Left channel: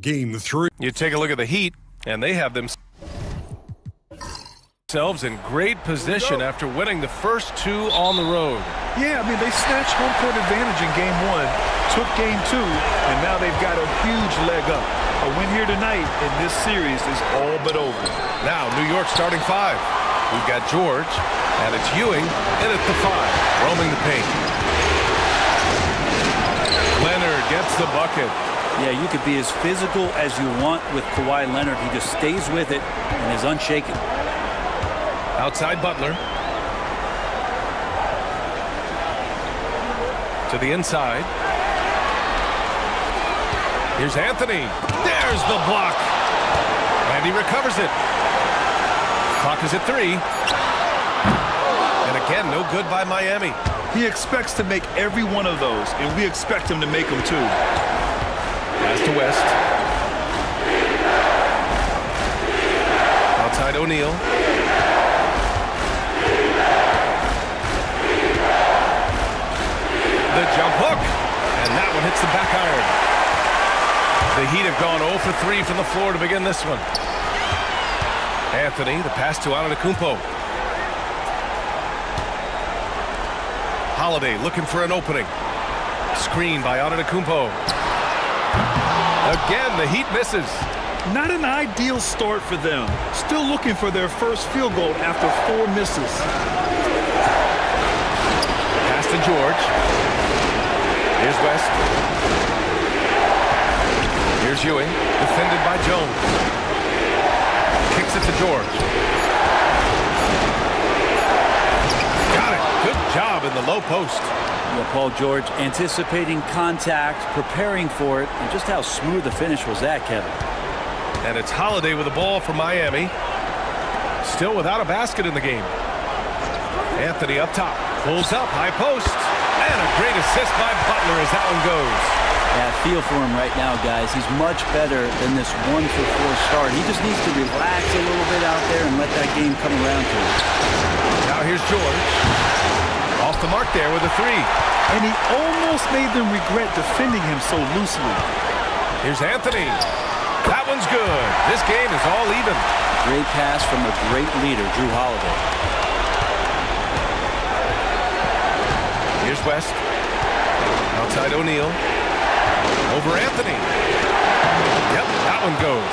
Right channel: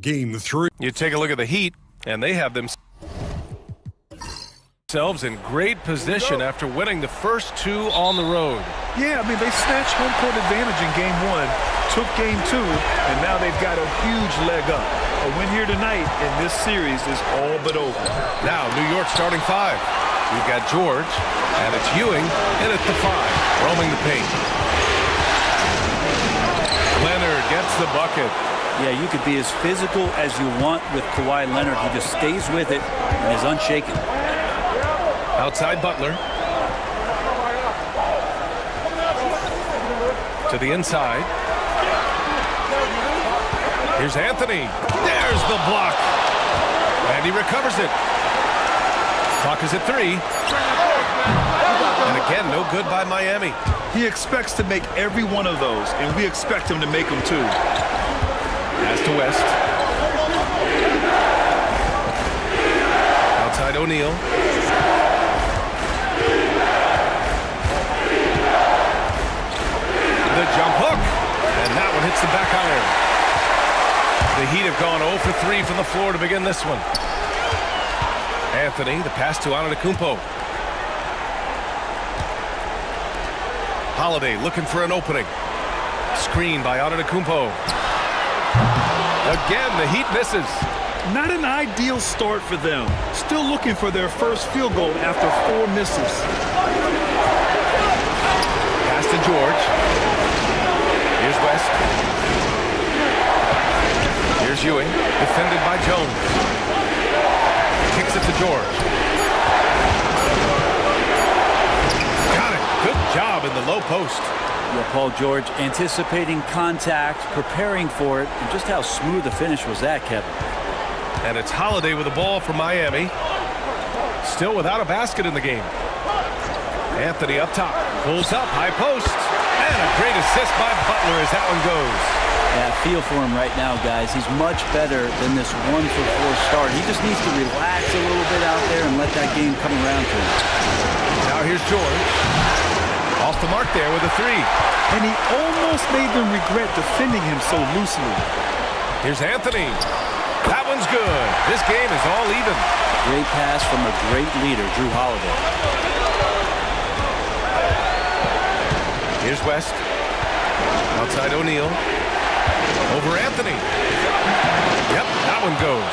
Game 3. You take a look at the Heat, and they have themselves in great position after winning the first two on the road. Yeah, I mean, they snatched home court advantage in Game 1, took Game 2, and now they've got a huge leg up. A win here tonight in this series is all but over. Now, New York starting five. We've got George, and it's Ewing in at the 5, roaming the paint. Leonard gets the bucket. Yeah, you could be as physical as you want with Kawhi Leonard. He just stays with it and is unshaken. Outside Butler. To the inside. Here's Anthony. There's the block. And he recovers it. Clock is at 3. And again, no good by Miami. He expects to make every one of those, and we expect him to make them too. Pass to West. Outside O'Neal. The jump hook. And that one hits the back iron. The Heat have gone 0 for 3 from the floor to begin this one. Anthony, the pass to Antetokounmpo. Holiday looking for an opening. Screen by Antetokounmpo. Again, the Heat misses. Not an ideal start for them. Still looking for their first field goal after 4 misses. Pass to George. Here's West. Here's Ewing, defended by Jones. Kicks it to George. Got it. Good job in the low post. Yeah, Paul George anticipating contact, preparing for it, and just how smooth the finish was that, Kevin. And it's Holiday with the ball for Miami. Still without a basket in the game. Anthony up top. Pulls up, high post. And a great assist by Butler as that one goes. Yeah, feel for him right now, guys. He's much better than this 1 for 4 start. He just needs to relax a little bit out there and let that game come around to him. Now here's George. Off the mark there with a 3. And he almost made them regret defending him so loosely. Here's Anthony. That one's good. This game is all even. Great pass from a great leader, Jrue Holiday. Here's West. Outside O'Neal. Over Anthony. Yep, that one goes.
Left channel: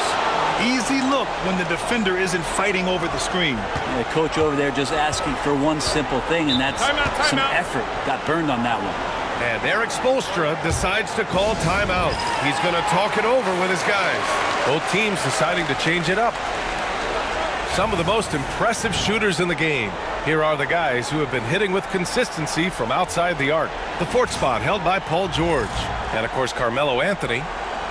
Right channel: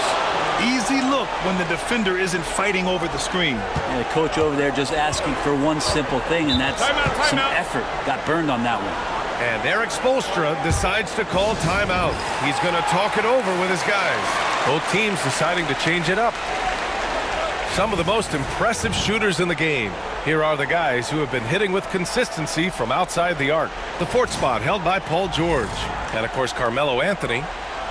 Easy look when the defender isn't fighting over the screen. And the coach over there just asking for one simple thing, and that's some effort. Got burned on that one. And Eric Spoelstra decides to call timeout. He's going to talk it over with his guys. Both teams deciding to change it up. Some of the most impressive shooters in the game. Here are the guys who have been hitting with consistency from outside the arc. The 4th spot held by Paul George. And, of course, Carmelo Anthony.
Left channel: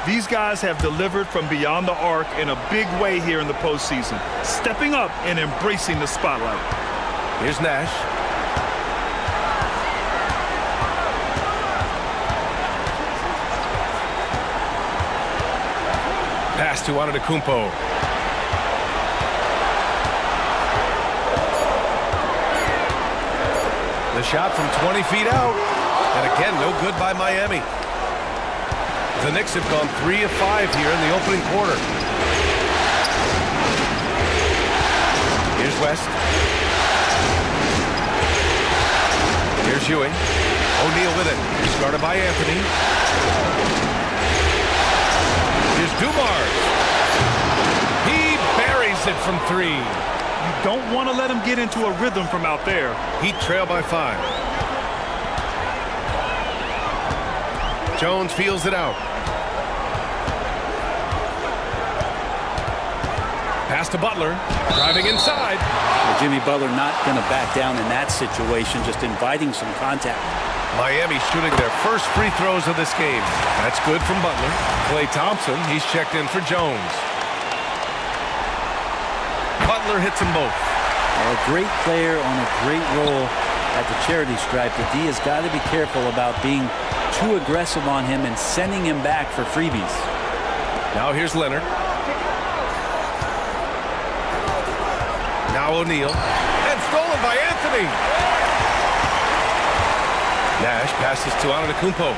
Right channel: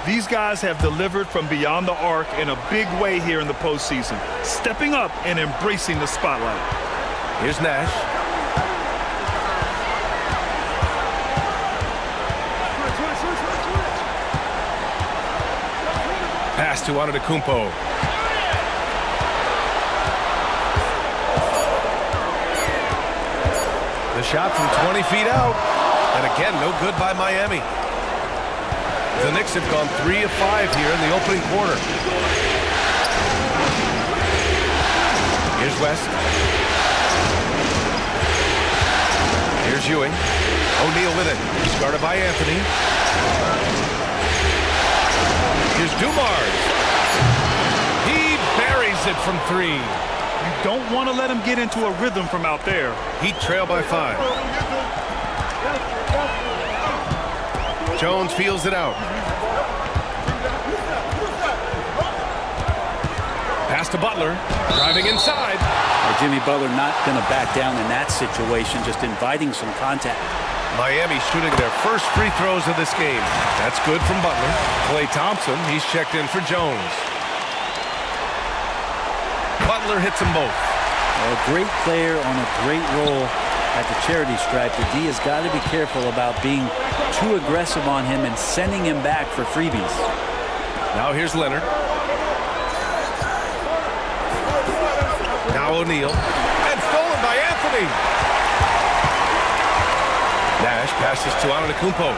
These guys have delivered from beyond the arc in a big way here in the postseason, stepping up and embracing the spotlight. Here's Nash. Pass to Antetokounmpo. The shot from 20 feet out. And again, no good by Miami. The Knicks have gone 3 of 5 here in the opening quarter. Here's West. Here's Ewing. O'Neal with it. He's guarded by Anthony. Here's Dumars. He buries it from 3. You don't want to let him get into a rhythm from out there. Heat trail by 5. Jones feels it out. Pass to Butler. Driving inside. Well, Jimmy Butler not going to back down in that situation, just inviting some contact. Miami shooting their first free throws of this game. That's good from Butler. Klay Thompson, he's checked in for Jones. Butler hits them both. Well, a great player on a great role at the charity stripe. The D has got to be careful about being too aggressive on him and sending him back for freebies. Now here's Leonard. Now O'Neal. And stolen by Anthony. Nash passes to Antetokounmpo.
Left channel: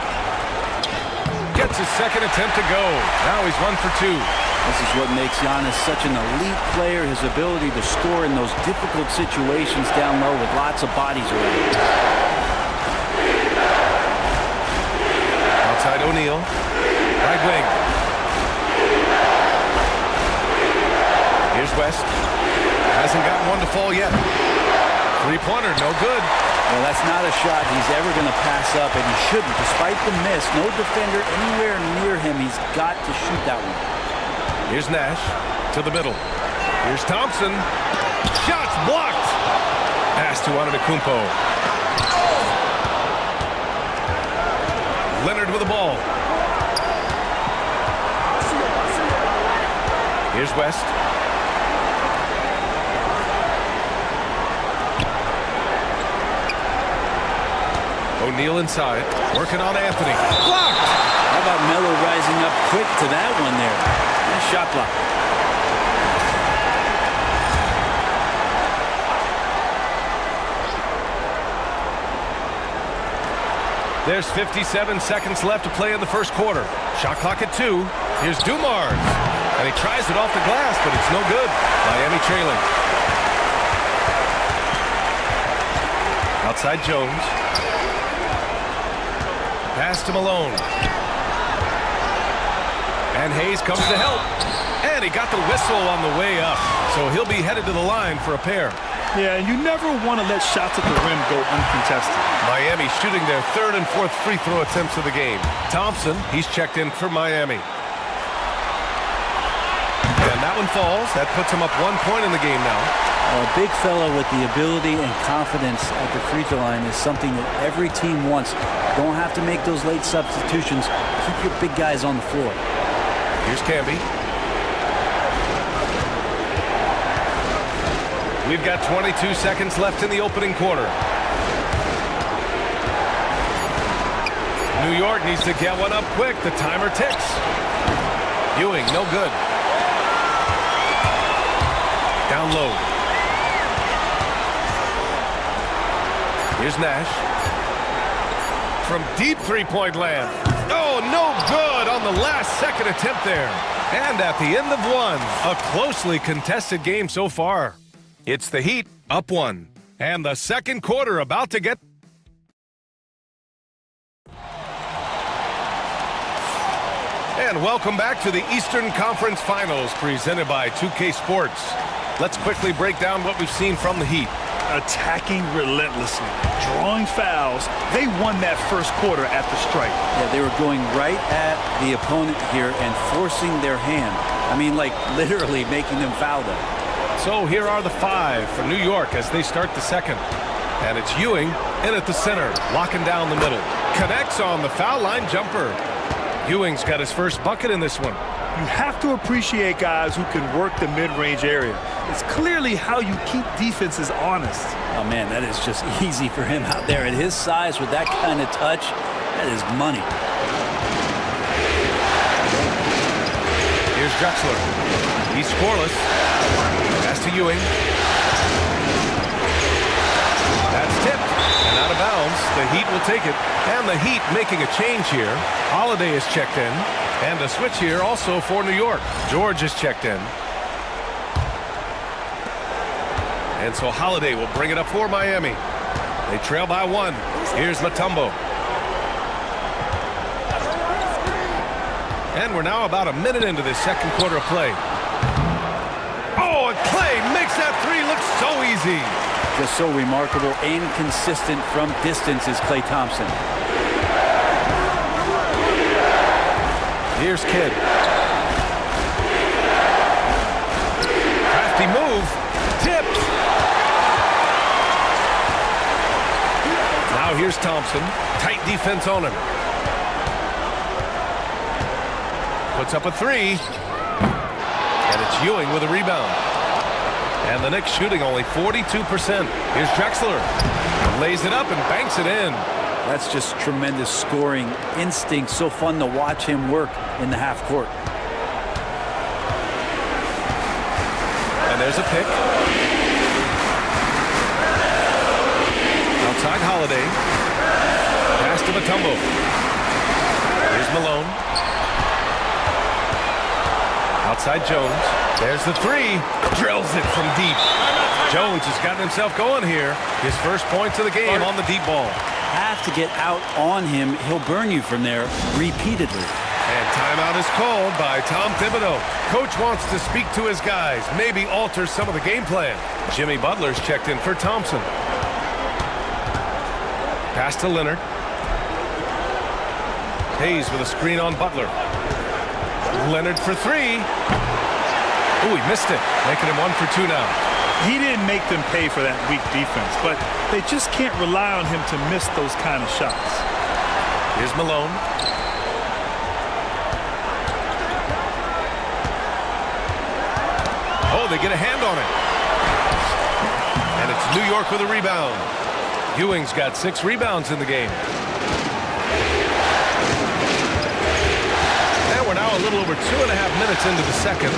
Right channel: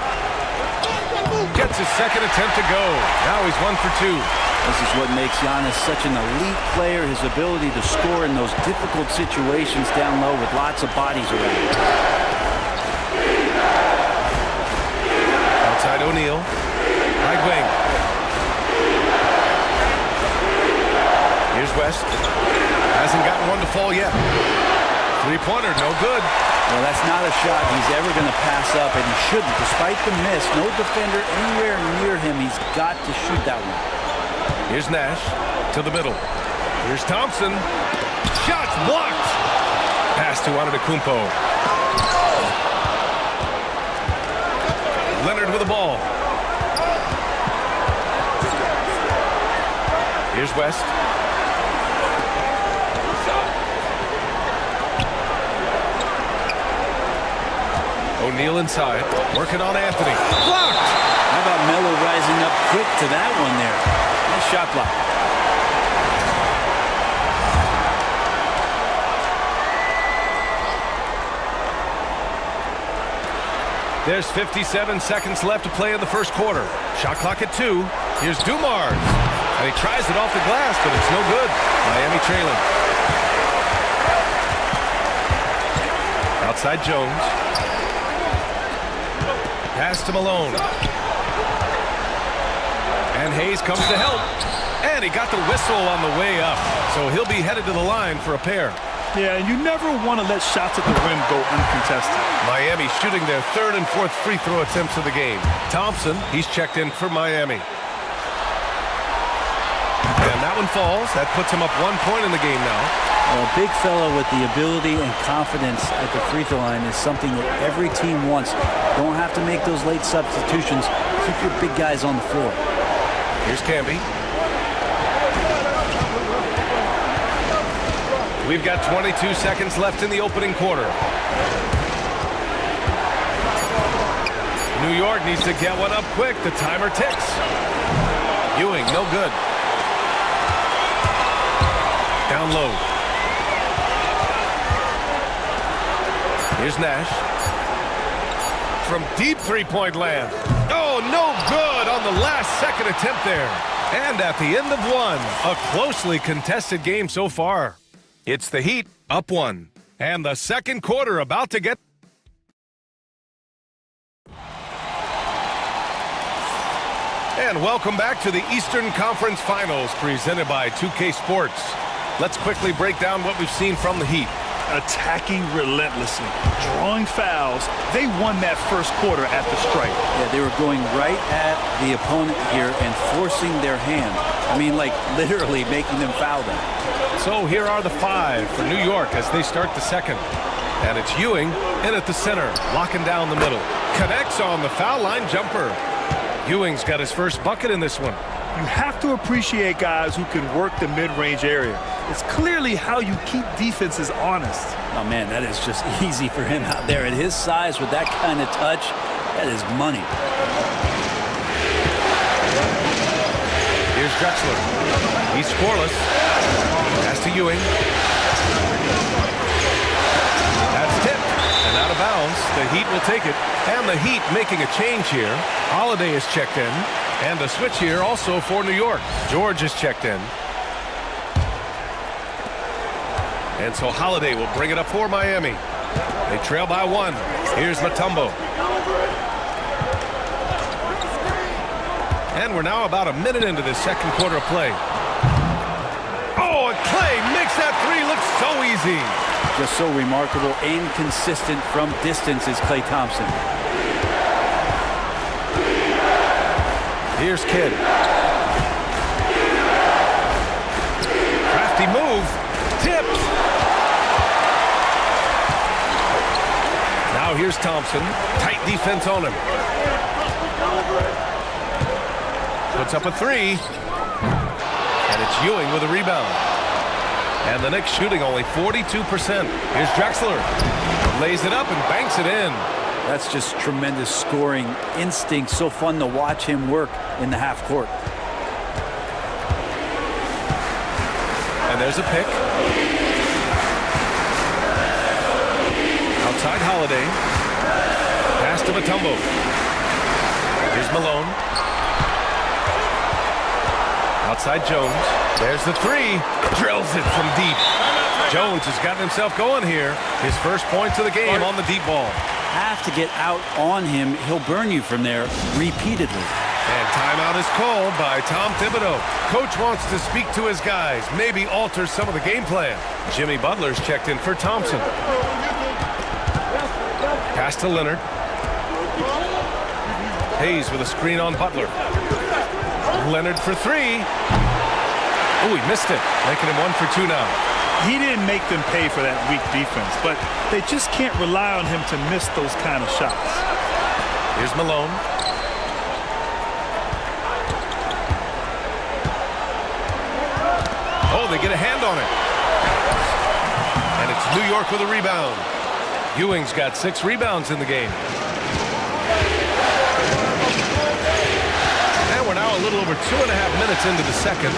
Gets his second attempt to go. Now he's 1 for 2. This is what makes Giannis such an elite player, his ability to score in those difficult situations down low with lots of bodies around. Outside O'Neal. Right wing. Here's West. Hasn't gotten one to fall yet. Three-pointer, no good. Well, that's not a shot he's ever going to pass up, and he shouldn't. Despite the miss, no defender anywhere near him. He's got to shoot that one. Here's Nash to the middle. Here's Thompson. Shots blocked. Pass to Antetokounmpo. Leonard with the ball. Here's West. O'Neal inside, working on Anthony. Blocked! How about Melo rising up quick to that one there? Nice shot block. There's 57 seconds left to play in the first quarter. Shot clock at 2. Here's Dumars. And he tries it off the glass, but it's no good. Miami trailing. Outside Jones. Pass to Malone. And Hayes comes to help. And he got the whistle on the way up. So he'll be headed to the line for a pair. Yeah, and you never want to let shots at the rim go uncontested. Miami shooting their third and fourth free throw attempts of the game. Thompson, he's checked in for Miami. And that one falls. That puts him up 1 point in the game now. Well, a big fella with the ability and confidence at the free throw line is something that every team wants. Don't have to make those late substitutions. Keep your big guys on the floor. Here's Camby. We've got 22 seconds left in the opening quarter. New York needs to get one up quick. The timer ticks. Ewing, no good. Down low. Here's Nash. From deep three-point land. Oh, no good on the last second attempt there. And at the end of one, a closely contested game so far. It's the Heat up 1. And the second quarter about to get... And welcome back to the Eastern Conference Finals presented by 2K Sports. Let's quickly break down what we've seen from the Heat. Attacking relentlessly, drawing fouls. They won that first quarter at the stripe. Yeah, they were going right at the opponent here and forcing their hand. I mean, like literally making them foul them. So here are the 5 for New York as they start the second. And it's Ewing in at the center, locking down the middle. Connects on the foul line jumper. Ewing's got his first bucket in this one. You have to appreciate guys who can work the mid-range area. It's clearly how you keep defenses honest. Oh, man, that is just easy for him out there. At his size with that kind of touch, that is money. Here's Drexler. He's scoreless. Pass to Ewing. That's tipped and out of bounds. The Heat will take it. And the Heat making a change here. Holiday is checked in. And a switch here also for New York. George is checked in. And so Holiday will bring it up for Miami. They trail by 1. Here's Mutombo. And we're now about a minute into this second quarter of play. Oh, and Clay makes that 3 look so easy. Just so remarkable and consistent from distance is Klay Thompson. Here's Kidd. Crafty move. Tipped. Now here's Thompson. Tight defense on him. Puts up a 3. And it's Ewing with a rebound. And the Knicks shooting only 42%. Here's Drexler. Lays it up and banks it in. That's just tremendous scoring instinct. So fun to watch him work in the half court. And there's a pick. Outside Holiday. Pass to Mutombo. Here's Malone. Outside Jones. There's the three. Drills it from deep. Jones has gotten himself going here. His first points of the game on the deep ball. Have to get out on him. He'll burn you from there repeatedly. And timeout is called by Tom Thibodeau. Coach wants to speak to his guys, maybe alter some of the game plan. Jimmy Butler's checked in for Thompson. Pass to Leonard. Hayes with a screen on Butler. Leonard for three. Oh, he missed it, making him 1 for 2 now. He didn't make them pay for that weak defense, but they just can't rely on him to miss those kind of shots. Here's Malone. Oh, they get a hand on it. And it's New York with a rebound. Ewing's got 6 rebounds in the game. And we're now a little over 2.5 minutes into the second.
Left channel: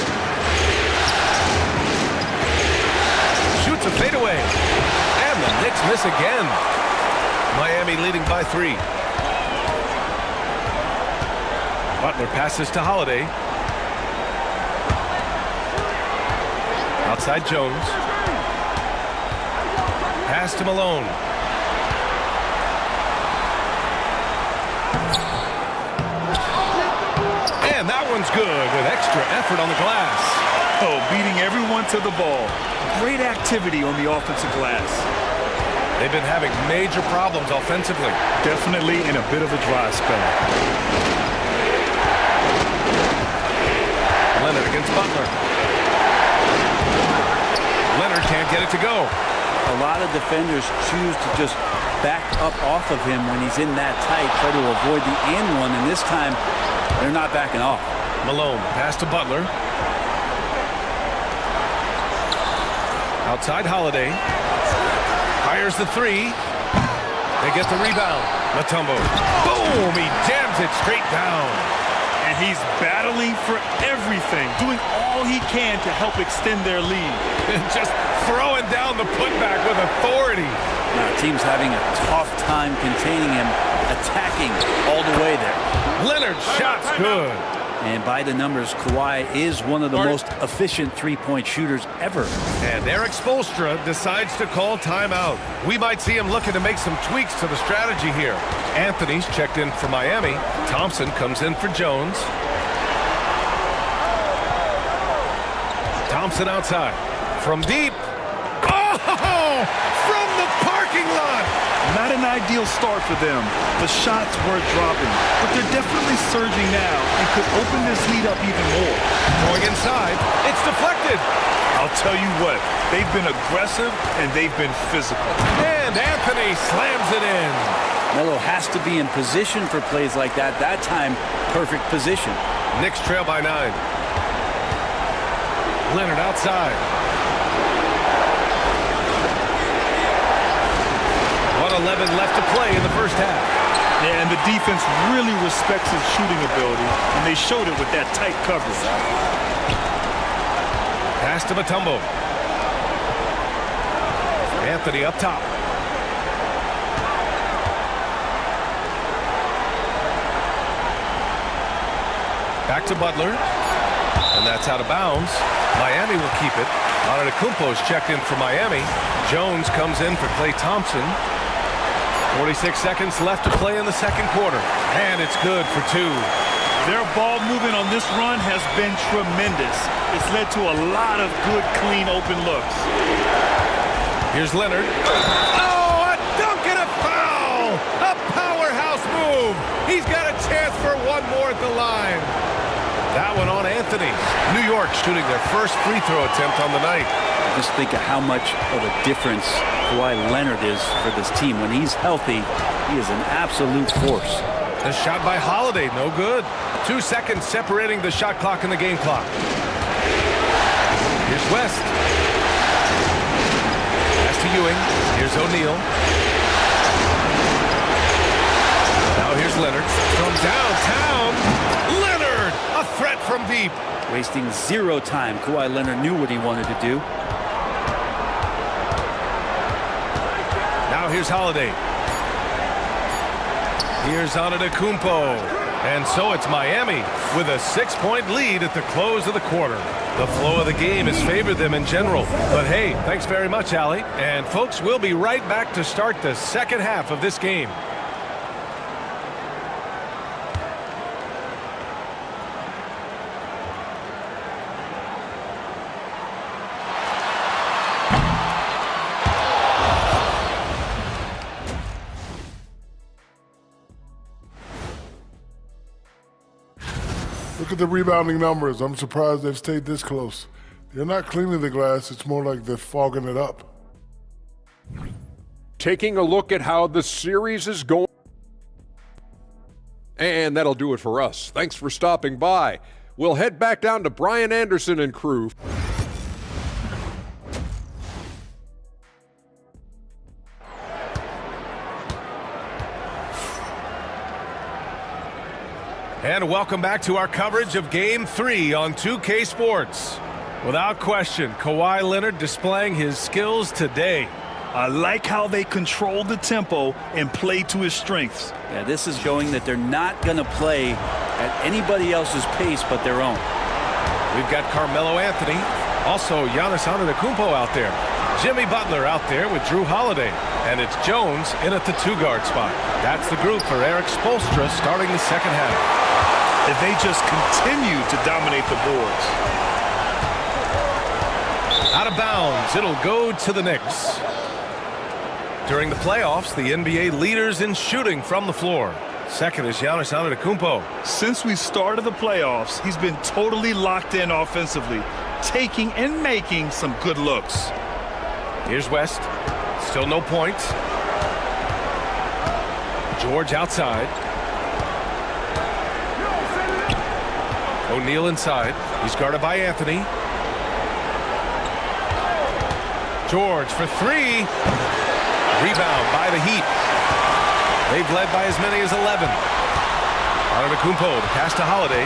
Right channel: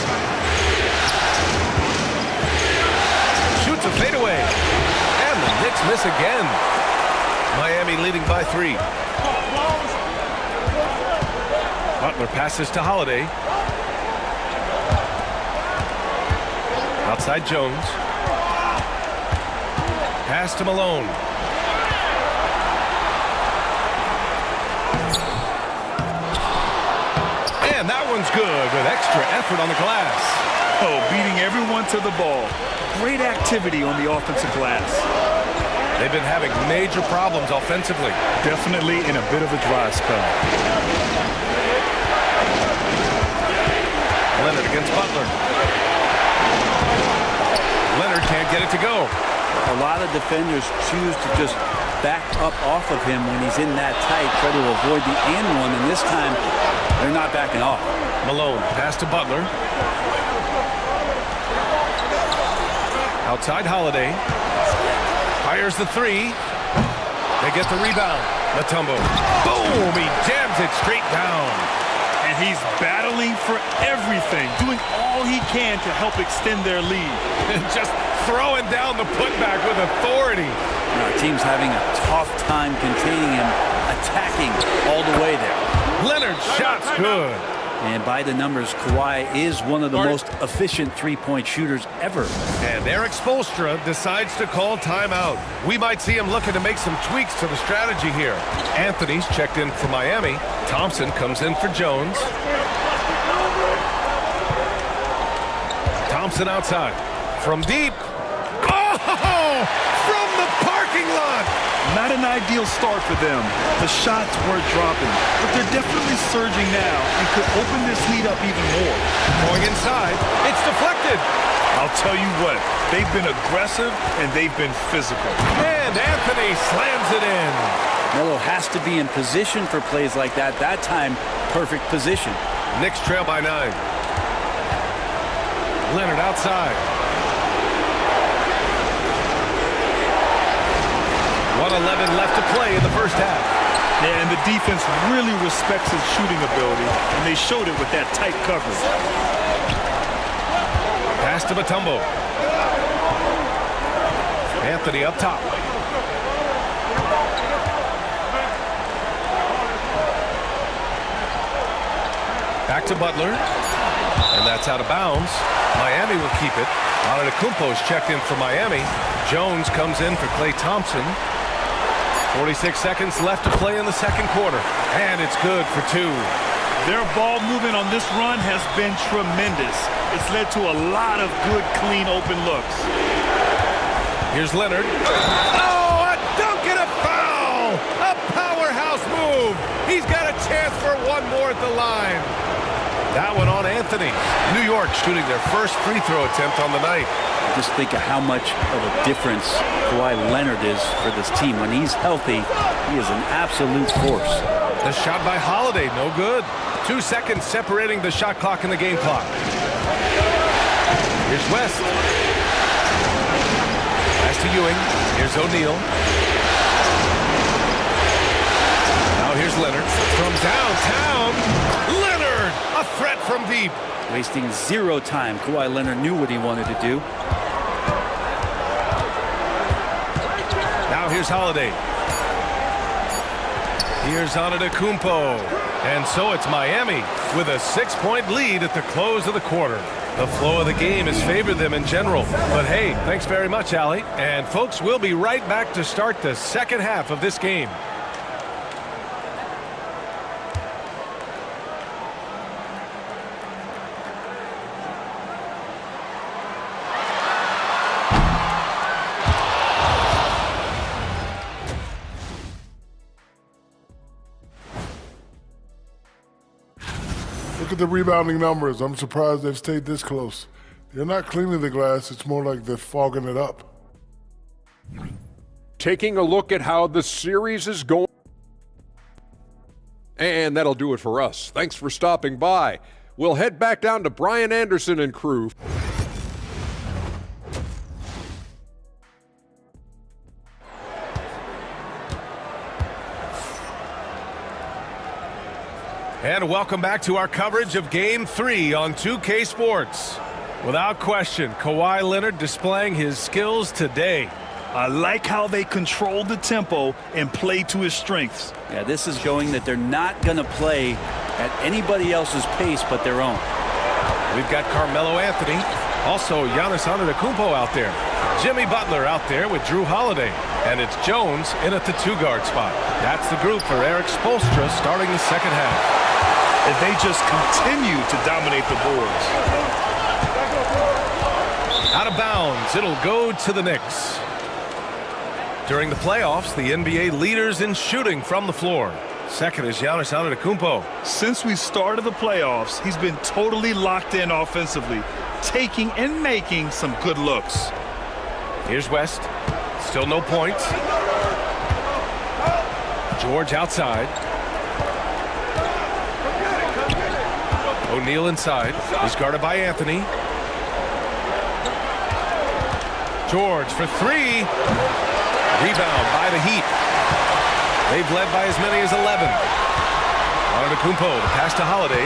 Shoots a fadeaway. And the Knicks miss again. Miami leading by 3. Butler passes to Holiday. Outside Jones. Pass to Malone. And that one's good with extra effort on the glass. Oh, beating everyone to the ball. Great activity on the offensive glass. They've been having major problems offensively. Definitely in a bit of a dry spell. Leonard against Butler. Leonard can't get it to go. A lot of defenders choose to just back up off of him when he's in that tight, try to avoid the and one, and this time they're not backing off. Malone, pass to Butler. Outside Holiday. Fires the three. They get the rebound. Mutombo. Boom! He jams it straight down. And he's battling for everything, doing all he can to help extend their lead. Just throwing down the putback with authority. Now, our team's having a tough time containing him, attacking all the way there. Leonard's shot's good. And by the numbers, Kawhi is one of the most efficient three-point shooters ever. And Eric Spoelstra decides to call timeout. We might see him looking to make some tweaks to the strategy here. Anthony's checked in for Miami. Thompson comes in for Jones. Thompson outside. From deep. Oh! From the parking lot! Not an ideal start for them. The shots weren't dropping, but they're definitely surging now and could open this lead up even more. Going inside, it's deflected. I'll tell you what, they've been aggressive and they've been physical. And Anthony slams it in. Melo has to be in position for plays like that. That time, perfect position. Knicks trail by 9. Leonard outside. 1:11 left to play in the first half. Yeah, and the defense really respects his shooting ability, and they showed it with that tight coverage. Pass to Mutombo. Anthony up top. Back to Butler. And that's out of bounds. Miami will keep it. Antetokounmpo's checked in for Miami. Jones comes in for Klay Thompson. 46 seconds left to play in the second quarter. And it's good for 2. Their ball movement on this run has been tremendous. It's led to a lot of good, clean, open looks. Here's Leonard. Oh, a dunk and a foul! A powerhouse move. He's got a chance for one more at the line. That one on Anthony. New York shooting their first free throw attempt on the night. Just think of how much of a difference Kawhi Leonard is for this team. When he's healthy, he is an absolute force. The shot by Holiday, no good. 2 seconds separating the shot clock and the game clock. Here's West. Pass to Ewing. Here's O'Neal. Now here's Leonard. From downtown, Leonard! A threat from deep. Wasting zero time. Kawhi Leonard knew what he wanted to do. Now here's Holiday. Here's Antetokounmpo. And so it's Miami with a 6-point lead at the close of the quarter. The flow of the game has favored them in general. But hey, thanks very much, Allie. And folks, we'll be right back to start the second half of this game. Look at the rebounding numbers. I'm surprised they've stayed this close. They're not cleaning the glass. It's more like they're fogging it up. Taking a look at how the series is going. And that'll do it for us. Thanks for stopping by. We'll head back down to Brian Anderson and crew. And welcome back to our coverage of Game 3 on 2K Sports. Without question, Kawhi Leonard displaying his skills today. I like how they control the tempo and play to his strengths. Yeah, this is showing that they're not going to play at anybody else's pace but their own. We've got Carmelo Anthony, also Giannis Antetokounmpo out there. Jimmy Butler out there with Drew Holiday. And it's Jones in at the 2-guard spot. That's the group for Eric Spoelstra starting the second half. And they just continue to dominate the boards. Out of bounds, it'll go to the Knicks. During the playoffs, the NBA leaders in shooting from the floor. Second is Giannis Antetokounmpo. Since we started the playoffs, he's been totally locked in offensively, taking and making some good looks. Here's West. Still no points. George outside. O'Neal inside. He's guarded by Anthony. George for 3. Rebound by the Heat. They've led by as many as 11. Antetokounmpo, the pass to Holiday.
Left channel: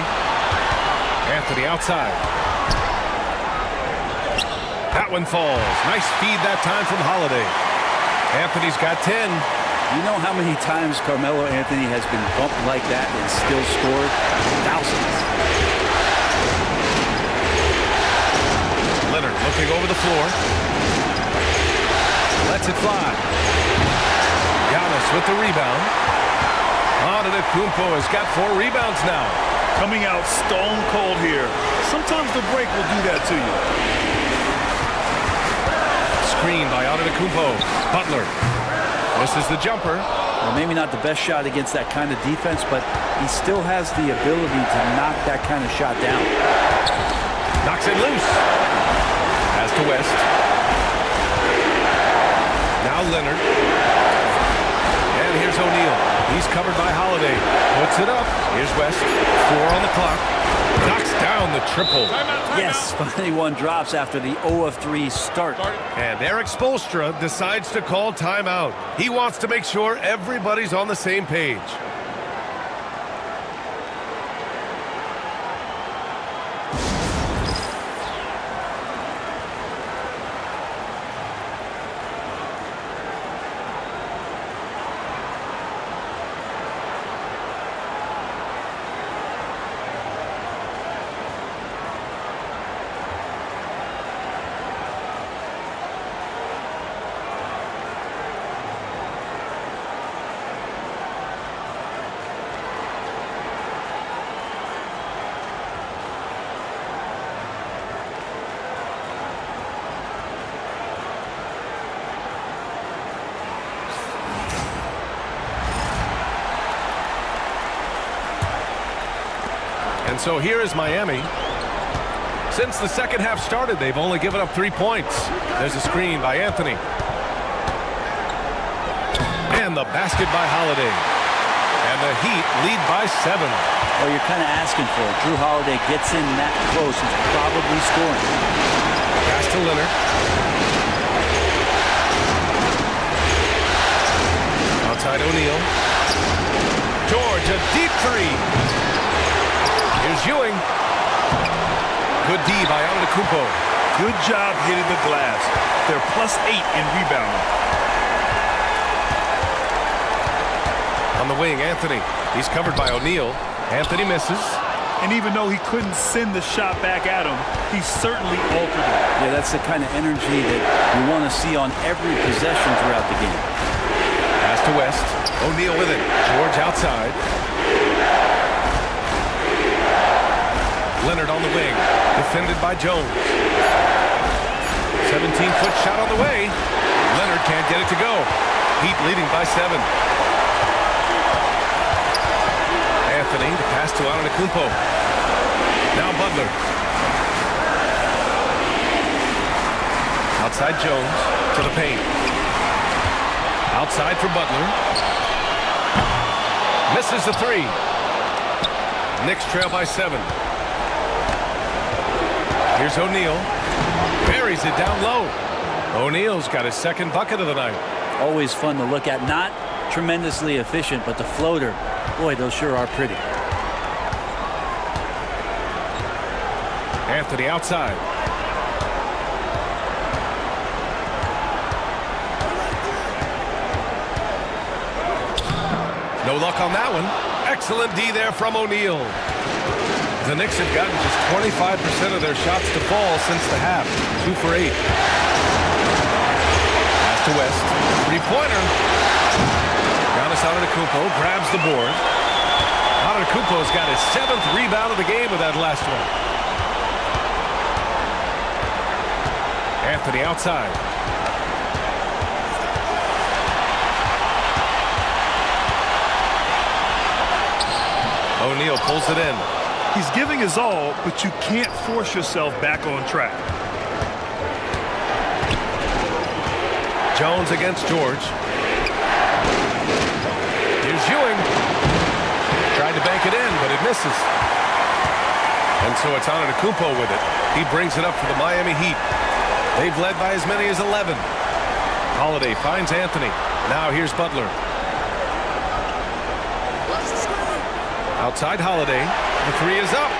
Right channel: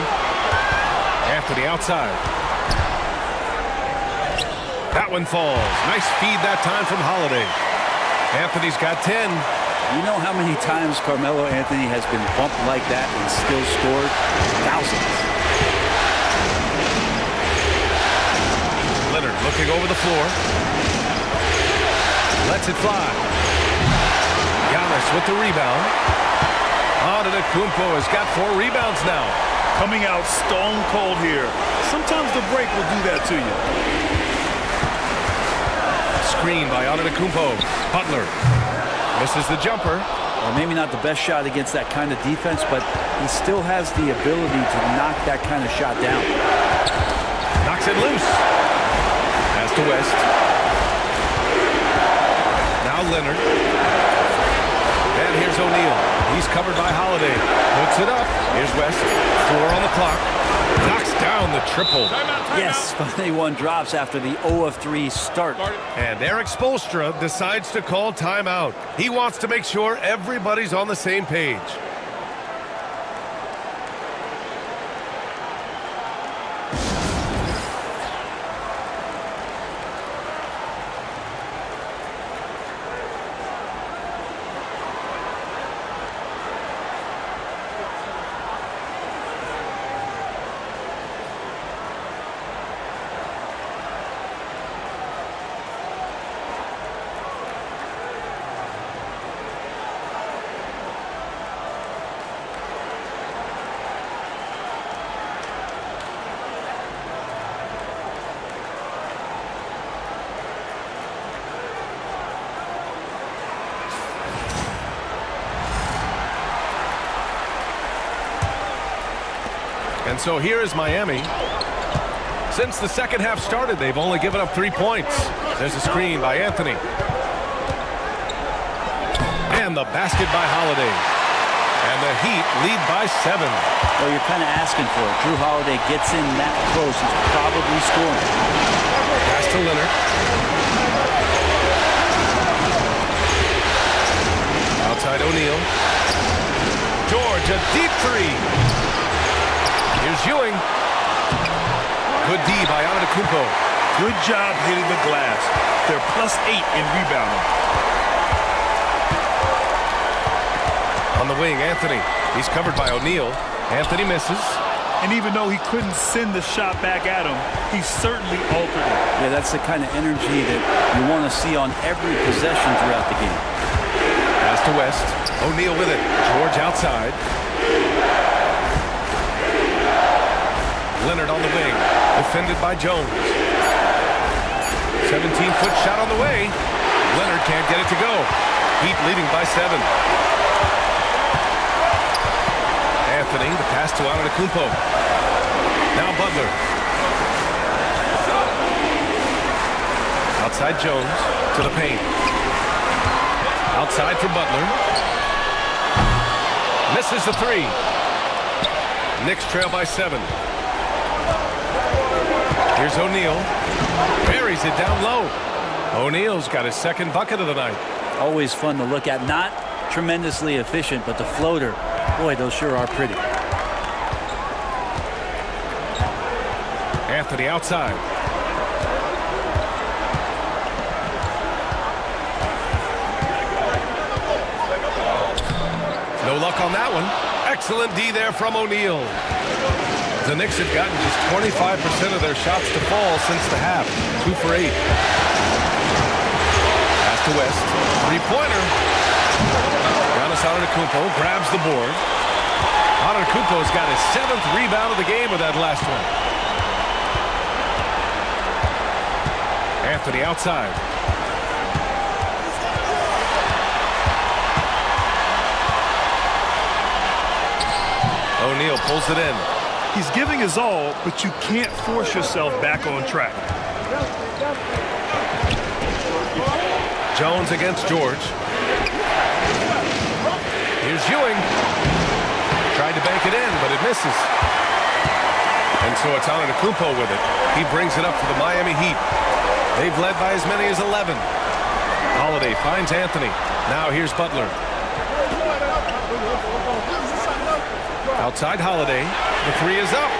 Anthony outside. That one falls. Nice feed that time from Holiday. Anthony's got 10. You know how many times Carmelo Anthony has been bumped like that and still scored? Thousands. Leonard looking over the floor. Lets it fly. Giannis with the rebound. Antetokounmpo has got 4 rebounds now. Coming out stone cold here. Sometimes the break will do that to you. Screen by Antetokounmpo. Butler misses the jumper. Well, maybe not the best shot against that kind of defense, but he still has the ability to knock that kind of shot down. Knocks it loose. Pass to West. Now Leonard. And here's O'Neal. He's covered by Holiday. Puts it up. Here's West. 4 on the clock. Knocks down the triple. Yes, finally one drops after the 0 of 3 start. And Eric Spoelstra decides to call timeout. He wants to make sure everybody's on the same page. And so here is Miami. Since the second half started, they've only given up 3 points. There's a screen by Anthony. And the basket by Holiday. And the Heat lead by 7. Well, you're kind of asking for it. Drew Holiday gets in that close. He's probably scoring. Pass to Leonard. Outside O'Neal. George, a deep 3. Here's Ewing. Good D by Antetokounmpo. Good job hitting the glass. They're +8 in rebounding. On the wing, Anthony. He's covered by O'Neal. Anthony misses. And even though he couldn't send the shot back at him, he certainly altered it. Yeah, that's the kind of energy that you want to see on every possession throughout the game. Pass to West. O'Neal with it. George outside. Leonard on the wing. Defended by Jones. 17-foot shot on the way. Leonard can't get it to go. Heat leading by 7. Anthony, the pass to Antetokounmpo. Now Butler. Outside Jones to the paint. Outside for Butler. Misses the 3. Knicks trail by 7. Here's O'Neal. Buries it down low. O'Neal's got his second bucket of the night. Always fun to look at. Not tremendously efficient, but the floater, boy, those sure are pretty. Anthony outside. No luck on that one. Excellent D there from O'Neal. The Knicks have gotten just 25% of their shots to fall since the half. 2 for 8. Pass to West. Three-pointer. Giannis Antetokounmpo grabs the board. Antetokounmpo's got his 7th rebound of the game with that last one. Anthony outside. O'Neal pulls it in. He's giving his all, but you can't force yourself back on track. Jones against George. Here's Ewing. Tried to bank it in, but it misses. And so it's Antetokounmpo with it. He brings it up for the Miami Heat. They've led by as many as 11. Holiday finds Anthony. Now here's Butler. Outside Holiday. The 3 is up.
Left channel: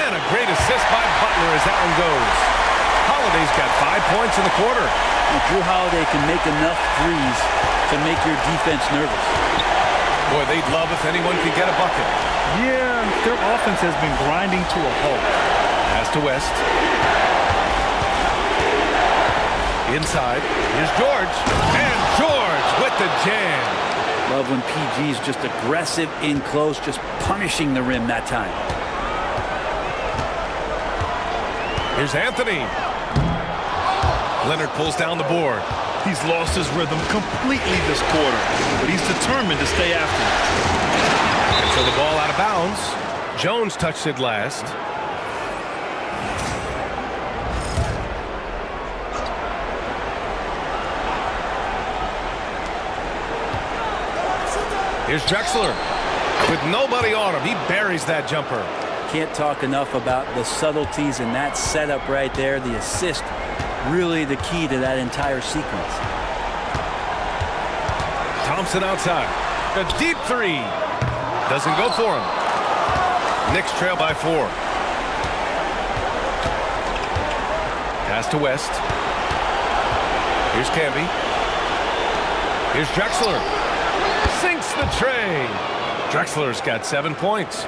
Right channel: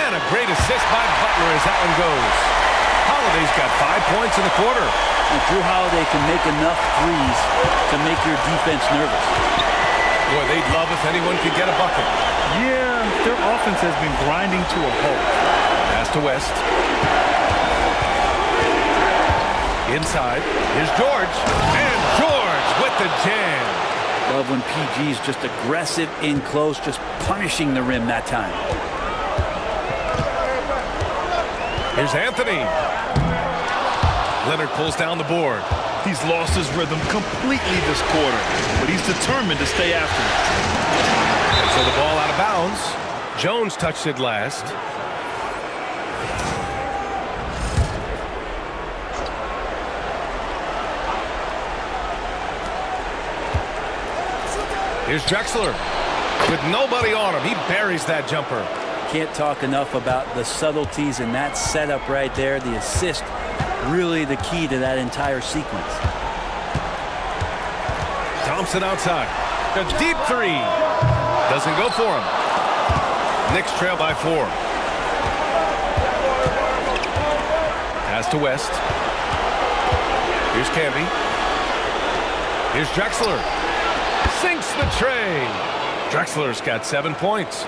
And a great assist by Butler as that one goes. Holiday's got 5 points in the quarter. Now, Drew Holiday can make enough threes to make your defense nervous. Boy, they'd love if anyone could get a bucket. Yeah, their offense has been grinding to a halt. Pass to West. Inside. Here's George. And George with the jam. Love when PG's just aggressive in close, just punishing the rim that time. Here's Anthony. Leonard pulls down the board. He's lost his rhythm completely this quarter, but he's determined to stay after it. And so the ball out of bounds. Jones touched it last. Here's Drexler. With nobody on him, he buries that jumper. Can't talk enough about the subtleties in that setup right there. The assist, really the key to that entire sequence. Thompson outside. A deep 3. Doesn't go for him. Knicks trail by 4. Pass to West. Here's Camby. Here's Drexler. Sinks the tray. Drexler's got 7 points.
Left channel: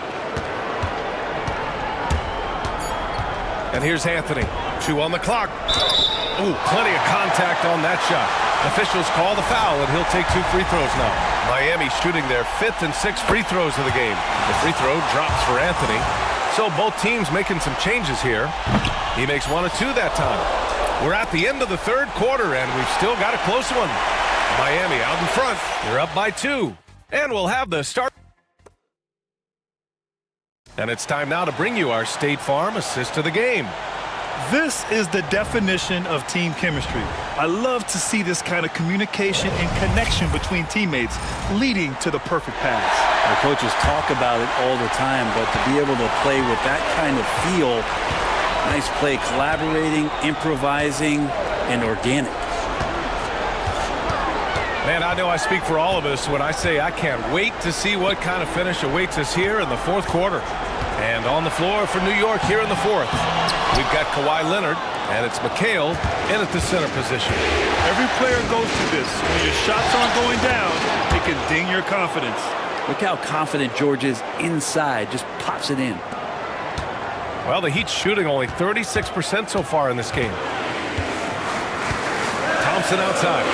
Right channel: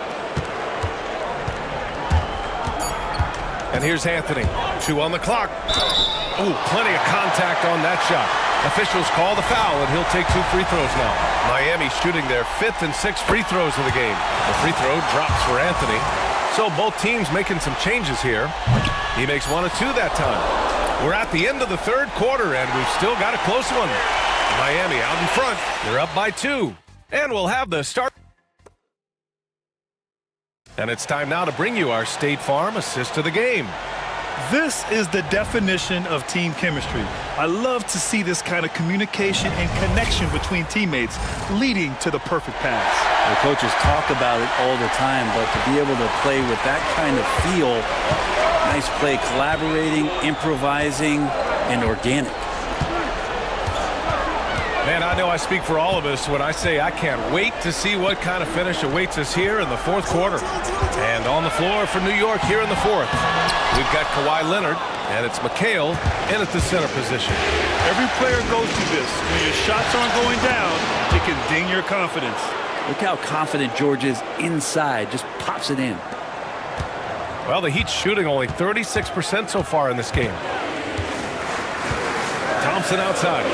And here's Anthony. 2 on the clock. Ooh, plenty of contact on that shot. Officials call the foul, and he'll take 2 free throws now. Miami shooting their 5th and 6th free throws of the game. The free throw drops for Anthony. So both teams making some changes here. He makes 1 of 2 that time. We're at the end of the 3rd quarter, and we've still got a close one. Miami out in front. They're up by 2. And we'll have the start. And it's time now to bring you our State Farm assist of the game. This is the definition of team chemistry. I love to see this kind of communication and connection between teammates leading to the perfect pass. The coaches talk about it all the time, but to be able to play with that kind of feel, nice play, collaborating, improvising, and organic. Man, I know I speak for all of us when I say I can't wait to see what kind of finish awaits us here in the 4th quarter. And on the floor for New York here in the 4th, we've got Kawhi Leonard, and it's McHale in at the center position. Every player goes through this. When your shots aren't going down, it can ding your confidence. Look how confident George is inside. Just pops it in. Well, the Heat's shooting only 36% so far in this game. Thompson outside.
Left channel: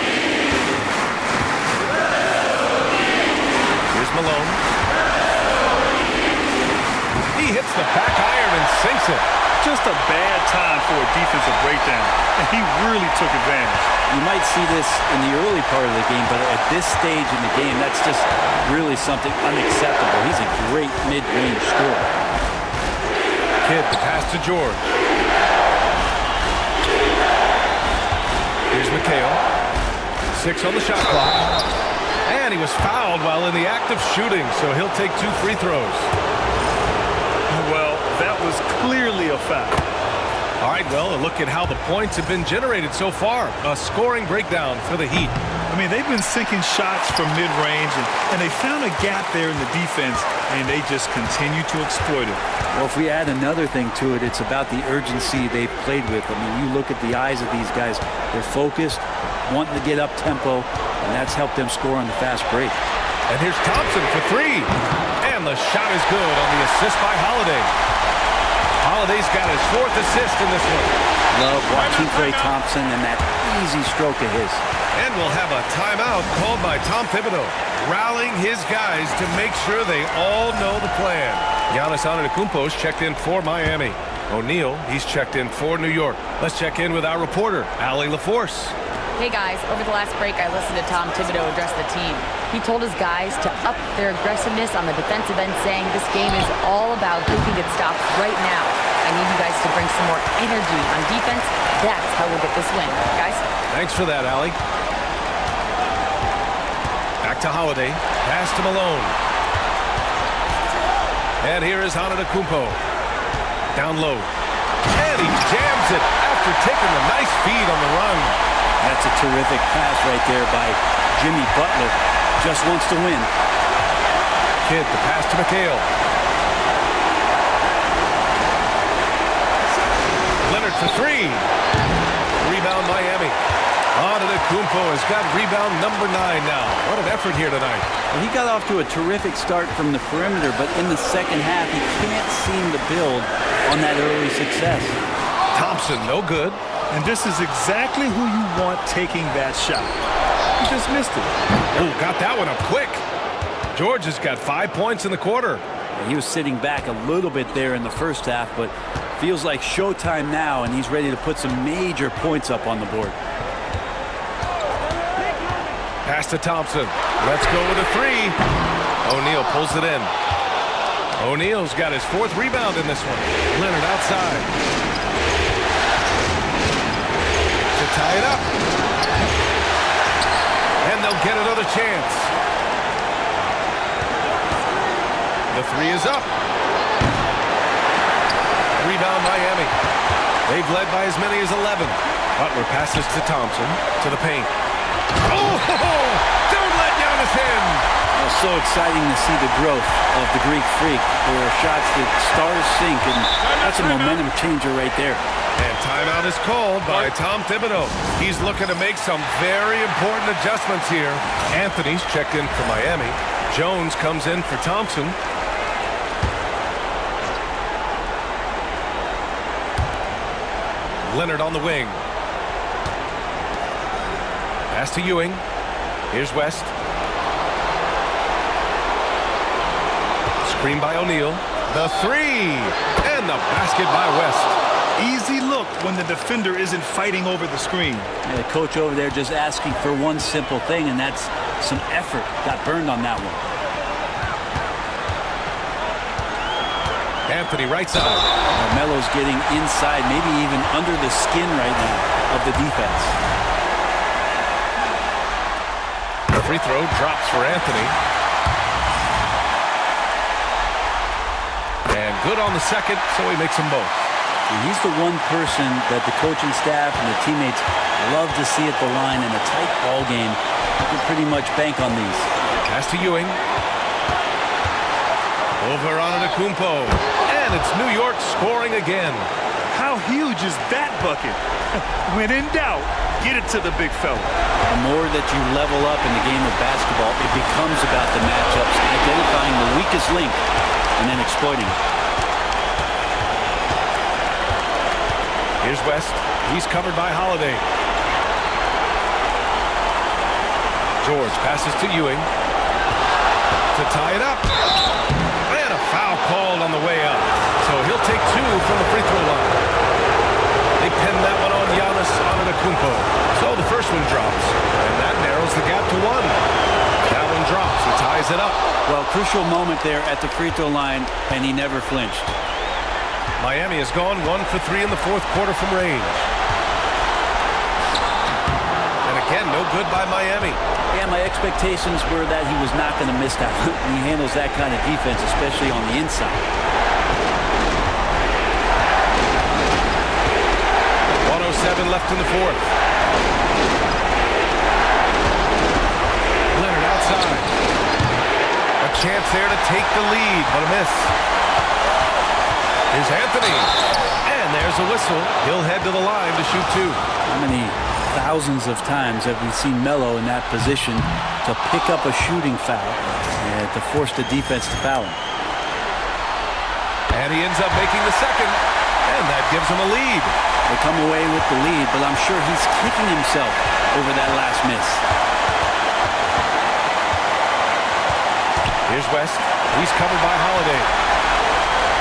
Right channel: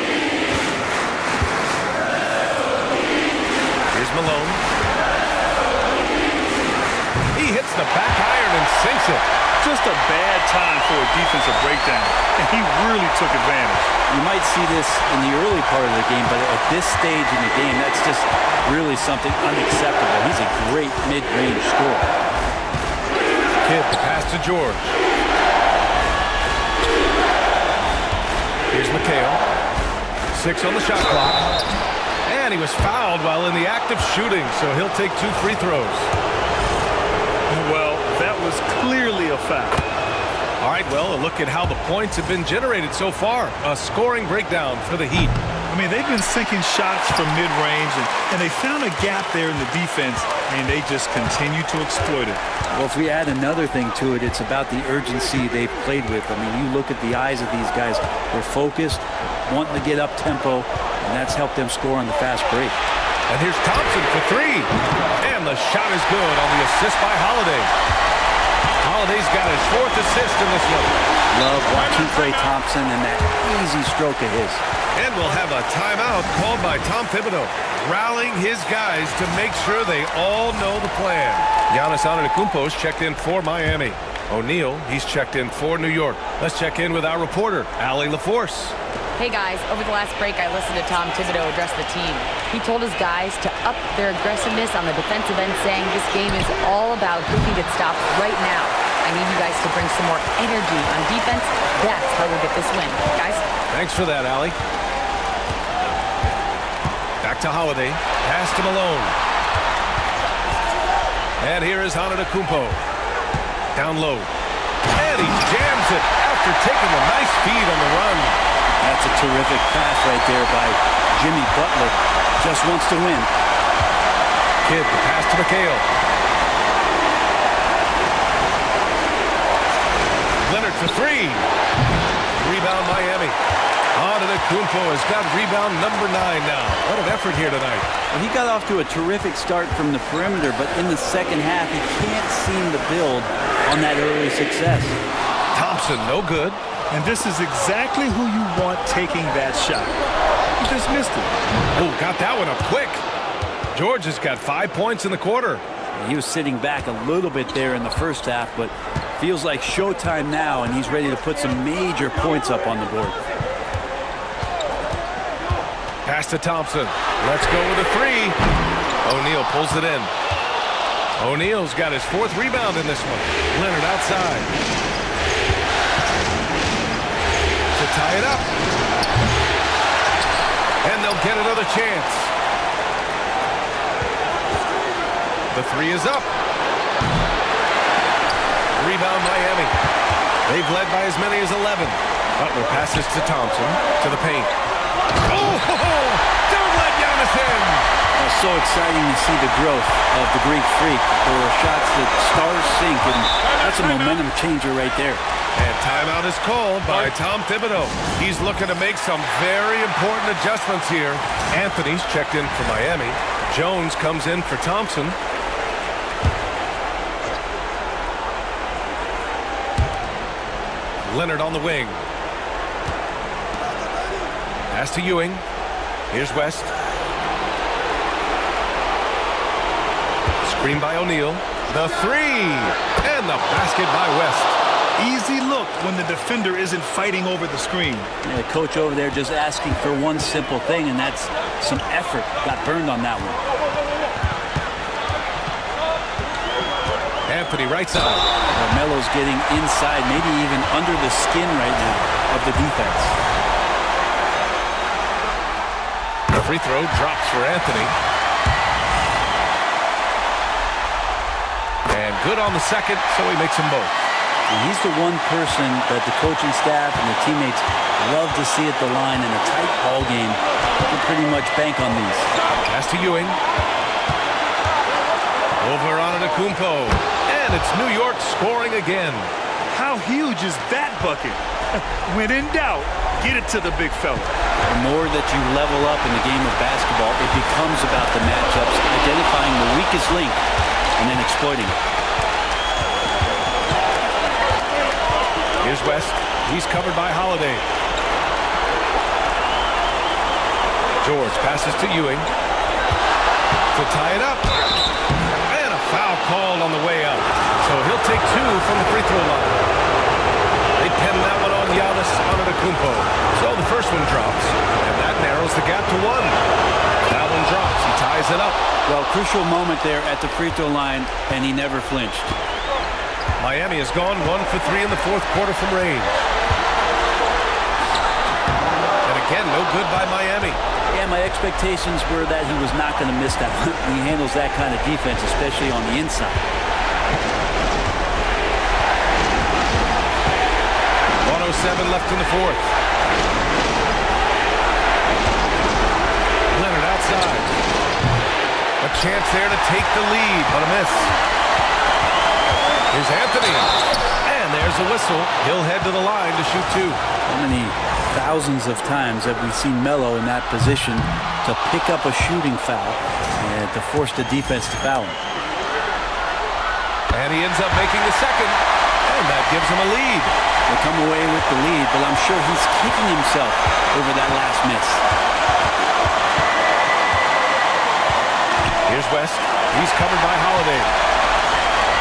Here's Malone. He hits the back iron and sinks it. Just a bad time for a defensive breakdown, and he really took advantage. You might see this in the early part of the game, but at this stage in the game, that's just really something unacceptable. He's a great mid-range scorer. Kidd, the pass to George. Here's McHale. 6 on the shot clock. And he was fouled while in the act of shooting, so he'll take 2 free throws. Well, that was clearly a foul. All right, well, a look at how the points have been generated so far. A scoring breakdown for the Heat. I mean, they've been sinking shots from mid-range, and they found a gap there in the defense, and they just continue to exploit it. Well, if we add another thing to it, it's about the urgency they've played with. I mean, you look at the eyes of these guys. They're focused, wanting to get up tempo, and that's helped them score on the fast break. And here's Thompson for 3. And the shot is good on the assist by Holiday. Holiday's got his 4th assist in this one. Love watching Klay Thompson and that easy stroke of his. And we'll have a timeout called by Tom Thibodeau, rallying his guys to make sure they all know the plan. Giannis Antetokounmpo's checked in for Miami. O'Neal, he's checked in for New York. Let's check in with our reporter, Allie LaForce. Hey guys, over the last break I listened to Tom Thibodeau address the team. He told his guys to up their aggressiveness on the defensive end, saying this game is all about who can get stops right now. I need you guys to bring some more energy on defense. That's how we'll get this win. Guys? Thanks for that, Allie. Back to Holiday. Pass to Malone. And here is Antetokounmpo. Down low. And he jams it after taking the nice feed on the run. That's a terrific pass right there by Jimmy Butler. Just wants to win. Kidd, the pass to McHale. Leonard for 3. Rebound Miami. Antetokounmpo has got rebound number 9 now. What an effort here tonight. Well, he got off to a terrific start from the perimeter, but in the second half, he can't seem to build on that early success. Thompson, no good. And this is exactly who you want taking that shot. He just missed it. Oh, got that one up quick. George has got 5 points in the quarter. He was sitting back a little bit there in the first half, but feels like showtime now, and he's ready to put some major points up on the board. Pass to Thompson. Let's go with a 3. O'Neal pulls it in. O'Neal's got his 4th rebound in this one. Leonard outside. To tie it up. And they'll get another chance. The 3 is up. Rebound Miami. They've led by as many as 11. Butler passes to Thompson to the paint. Oh, don't let Giannis in. Well, so exciting to see the growth of the Greek Freak. There are shots that stars sink, and that's a momentum changer right there. And timeout is called by Tom Thibodeau. He's looking to make some very important adjustments here. Anthony's checked in for Miami. Jones comes in for Thompson. Leonard on the wing. Pass to Ewing. Here's West. Screen by O'Neal. The 3. And the basket by West. Easy look when the defender isn't fighting over the screen. Yeah, the coach over there just asking for one simple thing, and that's some effort. Got burned on that one. Anthony right side. Well, Melo's getting inside, maybe even under the skin right now of the defense. Free throw drops for Anthony. And good on the second, so he makes them both. And he's the one person that the coaching staff and the teammates love to see at the line in a tight ball game. You can pretty much bank on these. Pass to Ewing. Over on Antetokounmpo. And it's New York scoring again. How huge is that bucket? When in doubt, get it to the big fella. The more that you level up in the game of basketball, it becomes about the matchups, identifying the weakest link, and then exploiting it. Here's West. He's covered by Holiday. George passes to Ewing to tie it up. And a foul called on the way up. So he'll take 2 from the free throw line. They pin that one on Giannis Antetokounmpo. So the first one drops, and that narrows the gap to 1. That one drops. He ties it up. Well, crucial moment there at the free throw line, and he never flinched. Miami has gone 1 for 3 in the fourth quarter from range. And again, no good by Miami. Yeah, my expectations were that he was not going to miss that one. He handles that kind of defense, especially on the inside. 1:07 left in the fourth. Leonard outside. A chance there to take the lead, but a miss. Here's Anthony. And there's a whistle. He'll head to the line to shoot 2. How many thousands of times have we seen Melo in that position to pick up a shooting foul and to force the defense to foul him? And he ends up making the second, and that gives him a lead. They come away with the lead, but I'm sure he's kicking himself over that last miss. Here's West. He's covered by Holiday.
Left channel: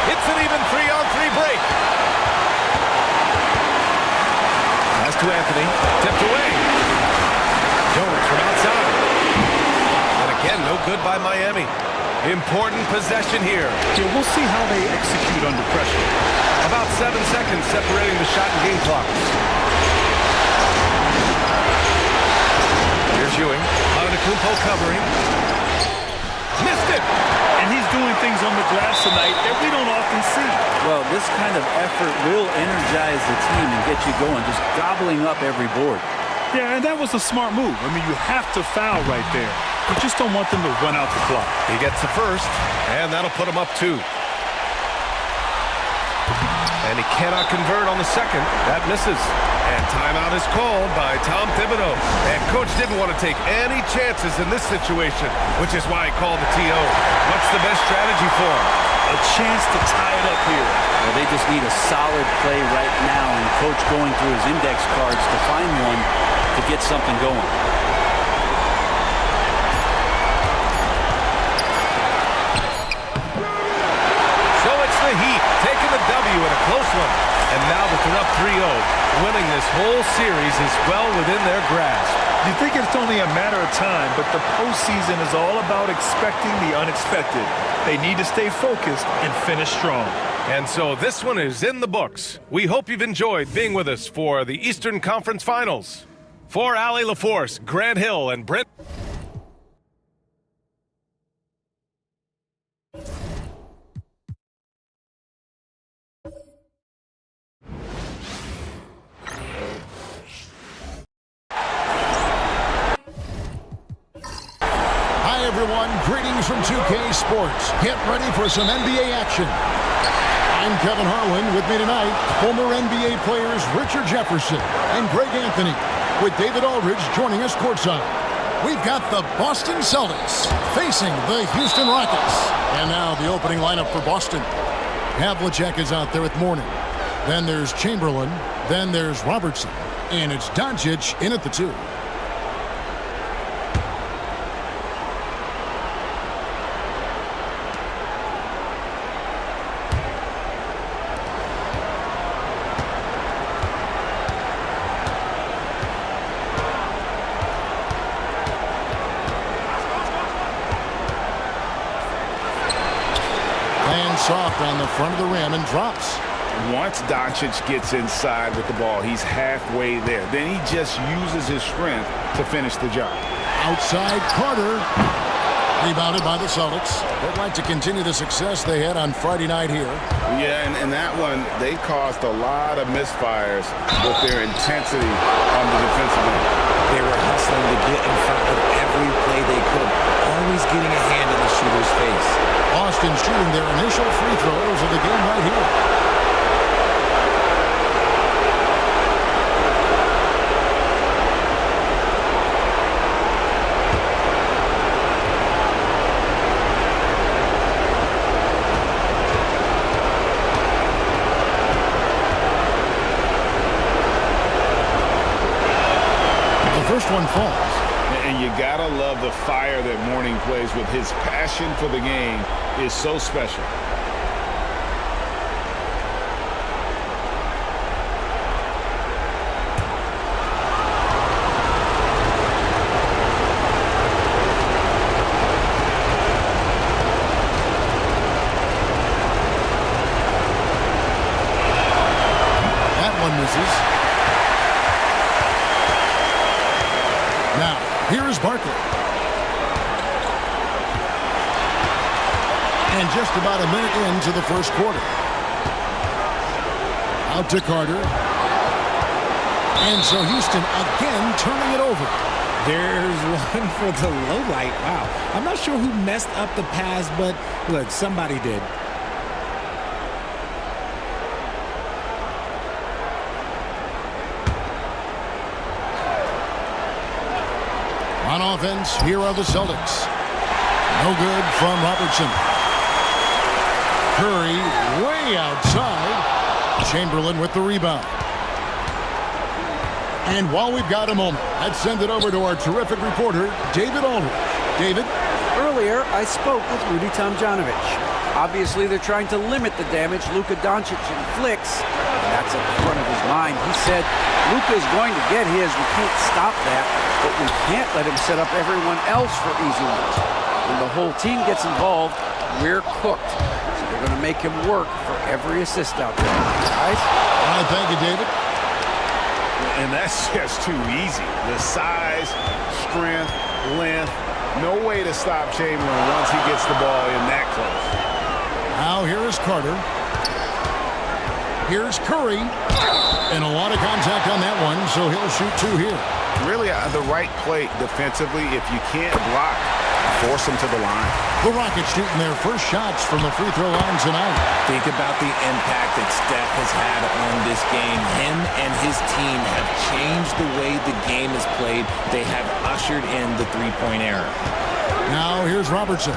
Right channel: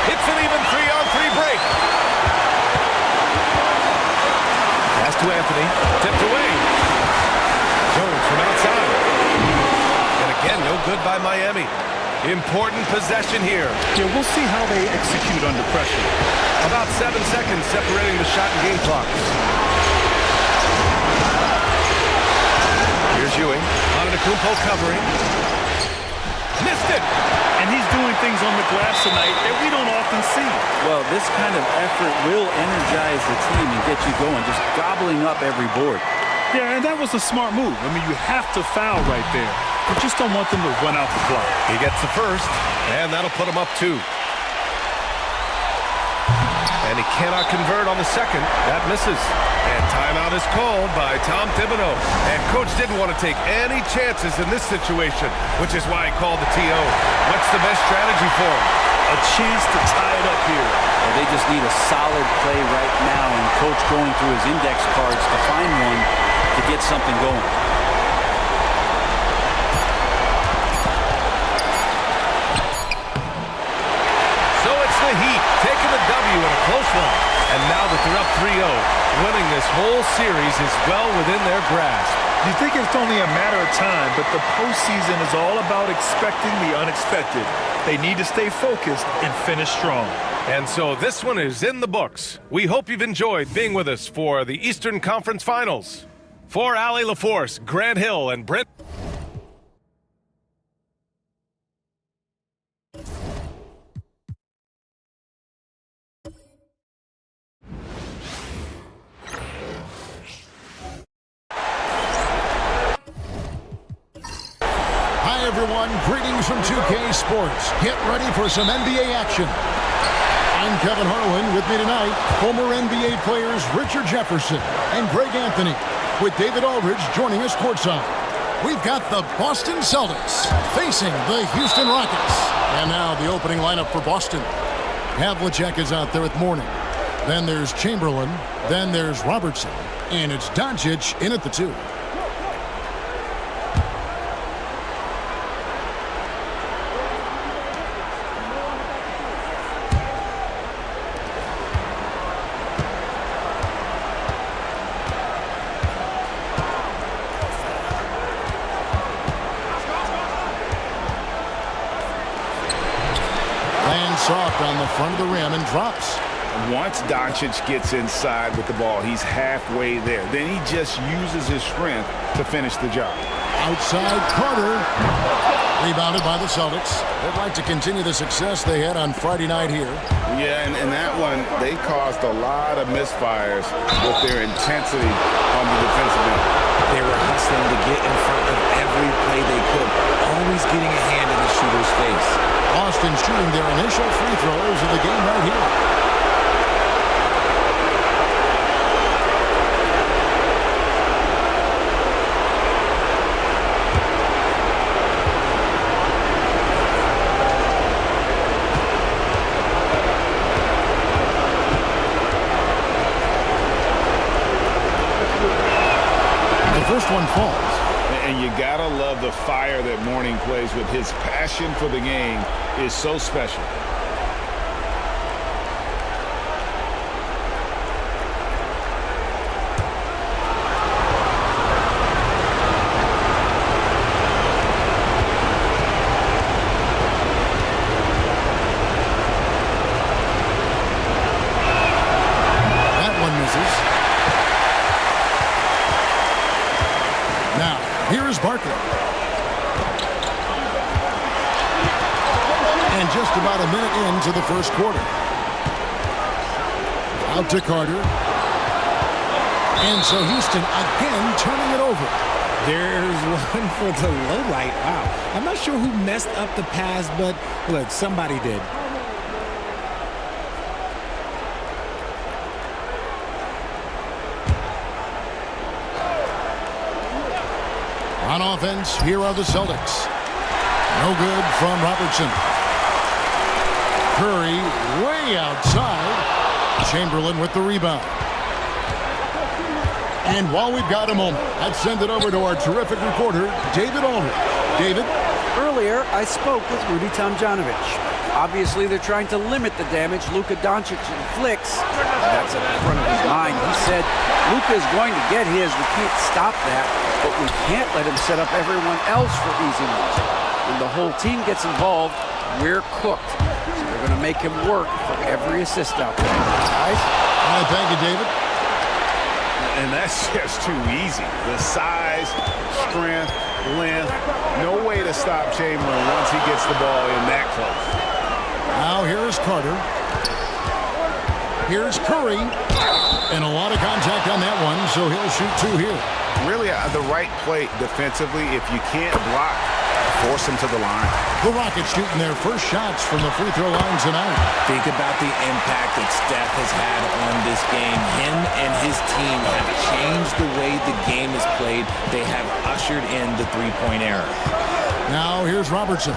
It's an even 3-on-3 break. Pass to Anthony. Tipped away. Jones from outside. And again, no good by Miami. Important possession here. Yeah, we'll see how they execute under pressure. About 7 seconds separating the shot and game clocks. Here's Ewing. Antetokounmpo covering. Missed it! And he's doing things on the glass tonight that we don't often see. Well, this kind of effort will energize the team and get you going, just gobbling up every board. Yeah, and that was a smart move. I mean, you have to foul right there. You just don't want them to run out the clock. He gets the first, and that'll put him up 2. And he cannot convert on the second. That misses. And timeout is called by Tom Thibodeau. And Coach didn't want to take any chances in this situation, which is why he called the TO. What's the best strategy for him? A chance to tie it up here. Well, they just need a solid play right now, and Coach going through his index cards to find one to get something going. So it's the Heat taking the W in a close one. And now that they're up 3-0, winning this whole series is well within their grasp. You think it's only a matter of time, but the postseason is all about expecting the unexpected. They need to stay focused and finish strong. And so this one is in the books. We hope you've enjoyed being with us for the Eastern Conference Finals. For Allie LaForce, Grant Hill, and Brent. Hi, everyone. Greetings from 2K Sports. Get ready for some NBA action. I'm Kevin Harlan. With me tonight, former NBA players Richard Jefferson and Greg Anthony, with David Aldridge joining us courtside. We've got the Boston Celtics facing the Houston Rockets. And now the opening lineup for Boston. Havlicek is out there with Mourning. Then there's Chamberlain. Then there's Robertson. And it's Doncic in at the 2. Lands soft on the front of the rim and drops. Once Doncic gets inside with the ball, he's halfway there. Then he just uses his strength to finish the job. Outside Carter. Rebounded by the Celtics. They'd like to continue the success they had on Friday night here. Yeah, and that one, they caused a lot of misfires with their intensity on the defensive end. They were hustling to get in front of every play they could, always getting a hand in the shooter's face. Boston shooting their initial free throws of the game right here. first one falls. And you gotta love the fire that Mourning plays with. His passion for the game is so special. That one misses. Now, here is Barkley. And just about a minute into the first quarter. Out to Carter. And so Houston again turning it over. There's one for the low light. Wow. I'm not sure who messed up the pass, but look, somebody did. On offense, here are the Celtics. No good from Robertson. Curry way outside. Chamberlain with the rebound. And while we've got a moment, let's send it over to our terrific reporter, David Aldridge. David? Earlier, I spoke with Rudy Tomjanovich. Obviously, they're trying to limit the damage Luka Doncic inflicts. And that's at the front of his mind. He said, Luka is going to get his. We can't stop that, but we can't let him set up everyone else for easy ones. When the whole team gets involved, we're cooked. So they're going to make him work for every assist out there. Guys? All right, thank you, David. And that's just too easy. The size, strength, length, no way to stop Chamberlain once he gets the ball in that close. Now here is Carter. Here's Curry. And a lot of contact on that one, so he'll shoot two here. Really the right play defensively. If you can't block, force him to the line. The Rockets shooting their first shots from the free throw line tonight. Think about the impact that Steph has had on this game. Him and his team have changed the way the game is played. They have ushered in the three-point era. Now here's Robertson.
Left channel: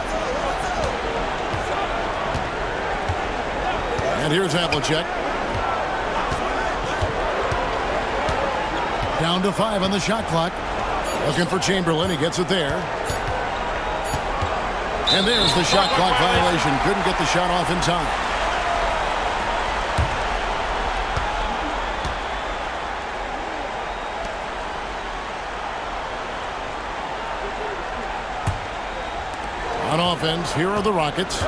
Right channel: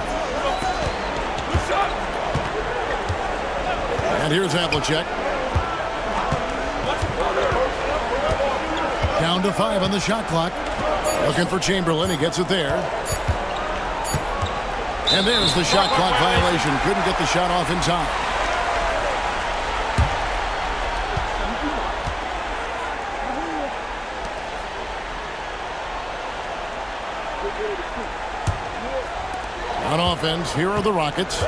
And here's Havlicek. Down to 5 on the shot clock. Looking for Chamberlain. He gets it there. And there's the shot clock violation. Couldn't get the shot off in time. On offense, here are the Rockets.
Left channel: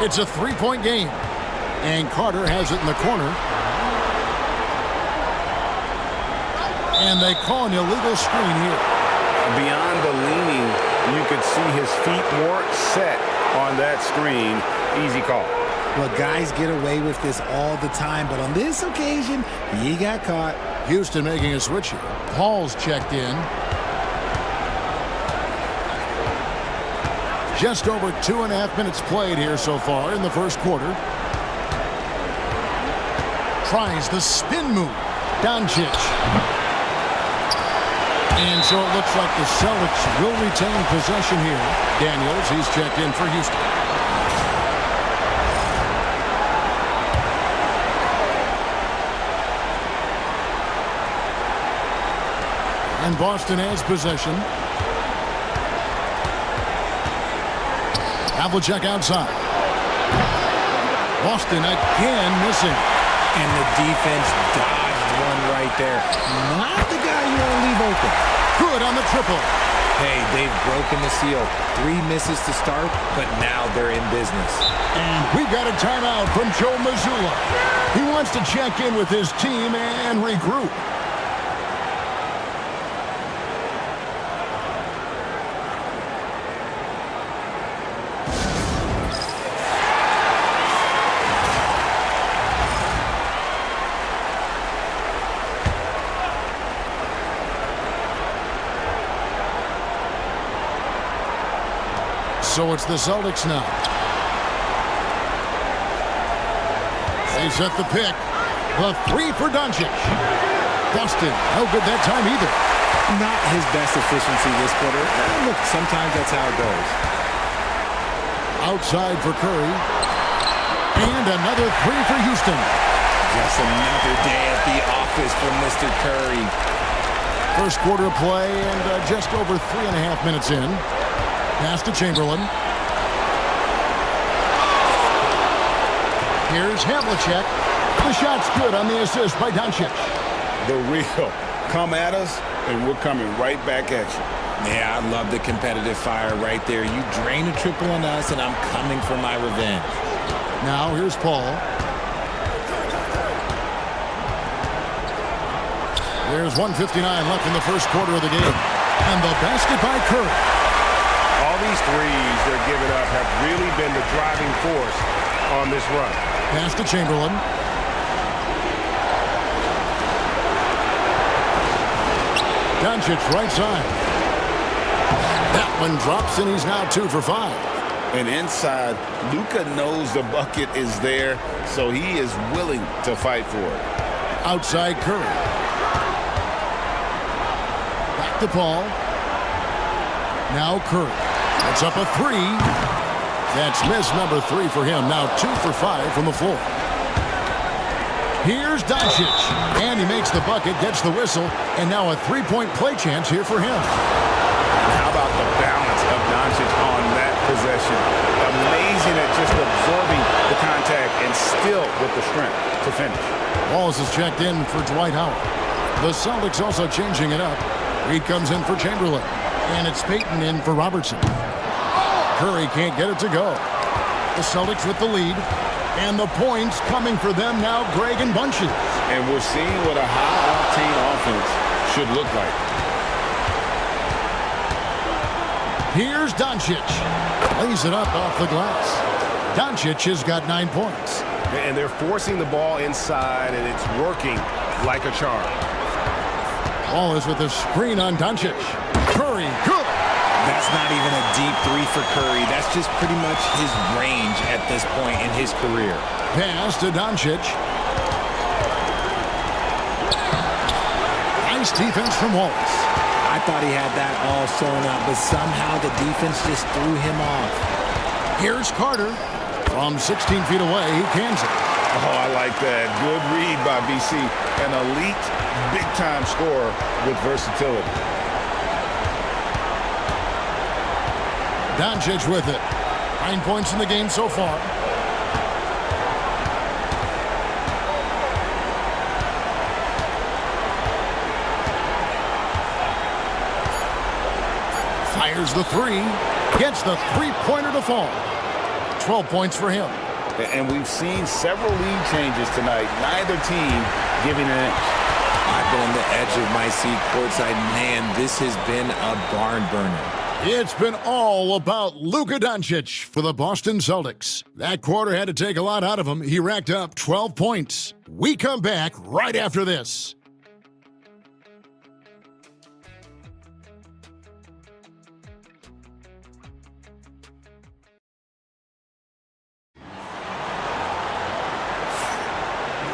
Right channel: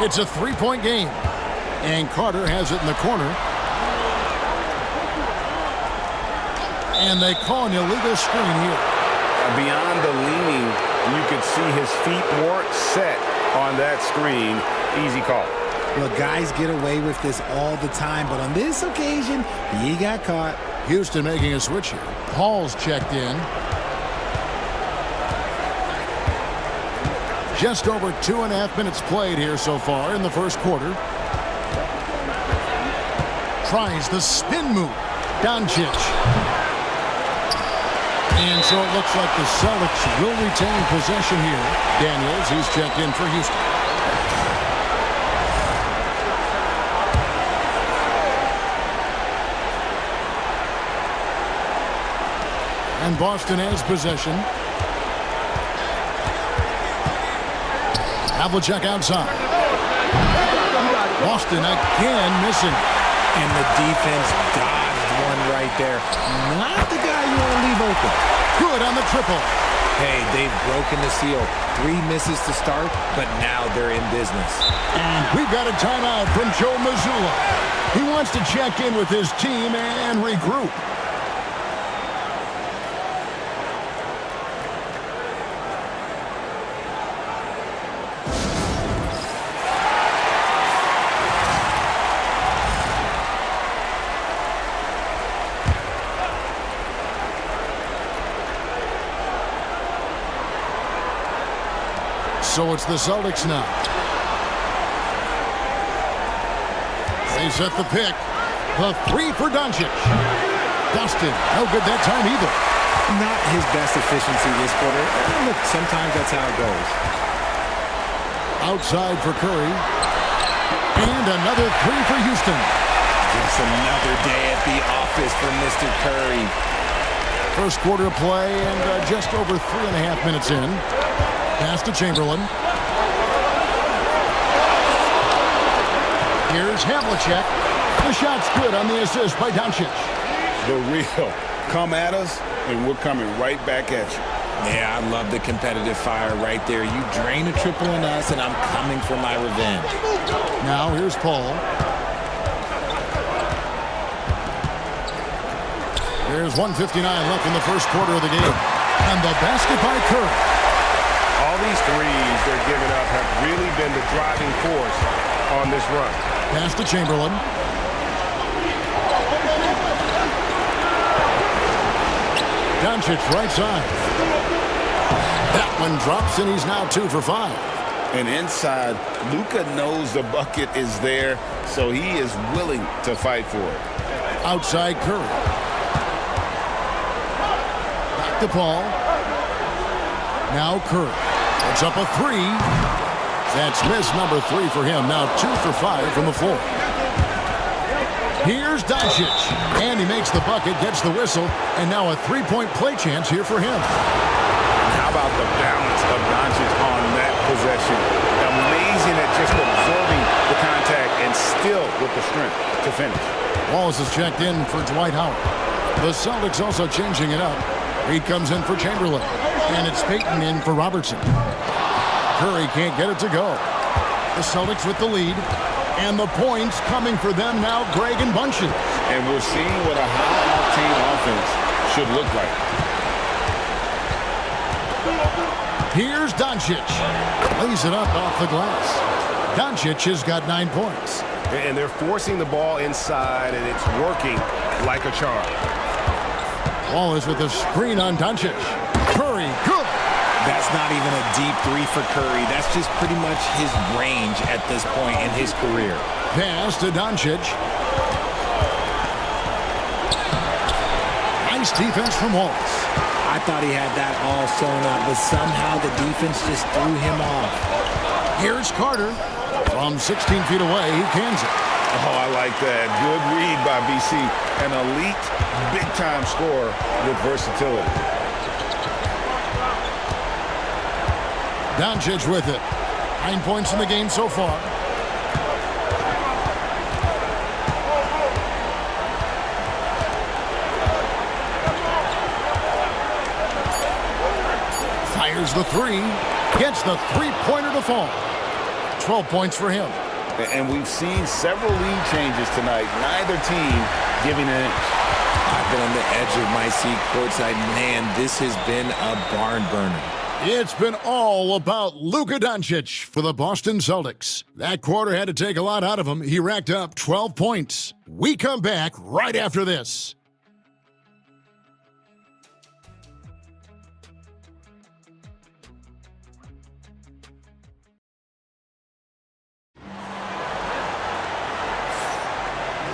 It's a three-point game. And Carter has it in the corner. And they call an illegal screen here. Beyond the leaning, you could see his feet weren't set on that screen. Easy call. Well, guys get away with this all the time, but on this occasion, he got caught. Houston making a switch here. Paul's checked in. Just over 2.5 minutes played here so far in the first quarter. Tries the spin move. Doncic. And so it looks like the Celtics will retain possession here. Daniels, he's checked in for Houston. And Boston has possession. Havlicek outside. Boston again missing. And the defense dodged one right there. Not the guy you want to leave open. Good on the triple. Hey, they've broken the seal. 3 misses to start, but now they're in business. And we've got a timeout from Joe Mazzulla. He wants to check in with his team and regroup. So it's the Celtics now. They set the pick. The three for Doncic. Boston, no good that time either. Not his best efficiency this quarter. Look, sometimes that's how it goes. Outside for Curry. And another three for Houston. Just another day at the office for Mr. Curry. First quarter of play and just over 3.5 minutes in. Pass to Chamberlain. Here's Havlicek. The shot's good on the assist by Doncic. The real. Come at us, and we're coming right back at you. Yeah, I love the competitive fire right there. You drain a triple on us, and I'm coming for my revenge. Now here's Paul. There's 1:59 left in the first quarter of the game. And the basket by Curry. All these threes they're giving up have really been the driving force on this run. Pass to Chamberlain. Doncic right side. That one drops, and he's now 2 for 5. And inside, Luka knows the bucket is there, so he is willing to fight for it. Outside Curry. Back to Paul. Now Curry. Puts up a 3. That's miss number 3 for him. Now 2 for 5 from the floor. Here's Doncic. And he makes the bucket, gets the whistle, and now a 3-point play chance here for him. And how about the balance of Doncic on that possession? Amazing at just absorbing the contact and still with the strength to finish. Wallace is checked in for Dwight Howard. The Celtics also changing it up. Reed comes in for Chamberlain. And it's Payton in for Robertson. Curry can't get it to go. The Celtics with the lead. And the points coming for them now, Greg and Bunches. And we're seeing what a high-octane offense should look like. Here's Doncic. Lays it up off the glass. Doncic has got 9 points. And they're forcing the ball inside, and it's working like a charm. Wallace with a screen on Doncic. Curry, good. That's not even a deep 3 for Curry. That's just pretty much his range at this point in his career. Pass to Doncic. Nice defense from Wallace. I thought he had that all sewn up, but somehow the defense just threw him off. Here's Carter. From 16 feet away, he cans it. Oh, I like that. Good read by VC. An elite, big-time scorer with versatility. Doncic with it. 9 points in the game so far. Fires the 3. Gets the 3-pointer to fall. 12 points for him. And we've seen several lead changes tonight. Neither team giving an inch. I've been on the edge of my seat courtside. Man, this has been a barn burner. It's been all about Luka Doncic for the Boston Celtics. That quarter had to take a lot out of him. He racked up 12 points. We come back right after this.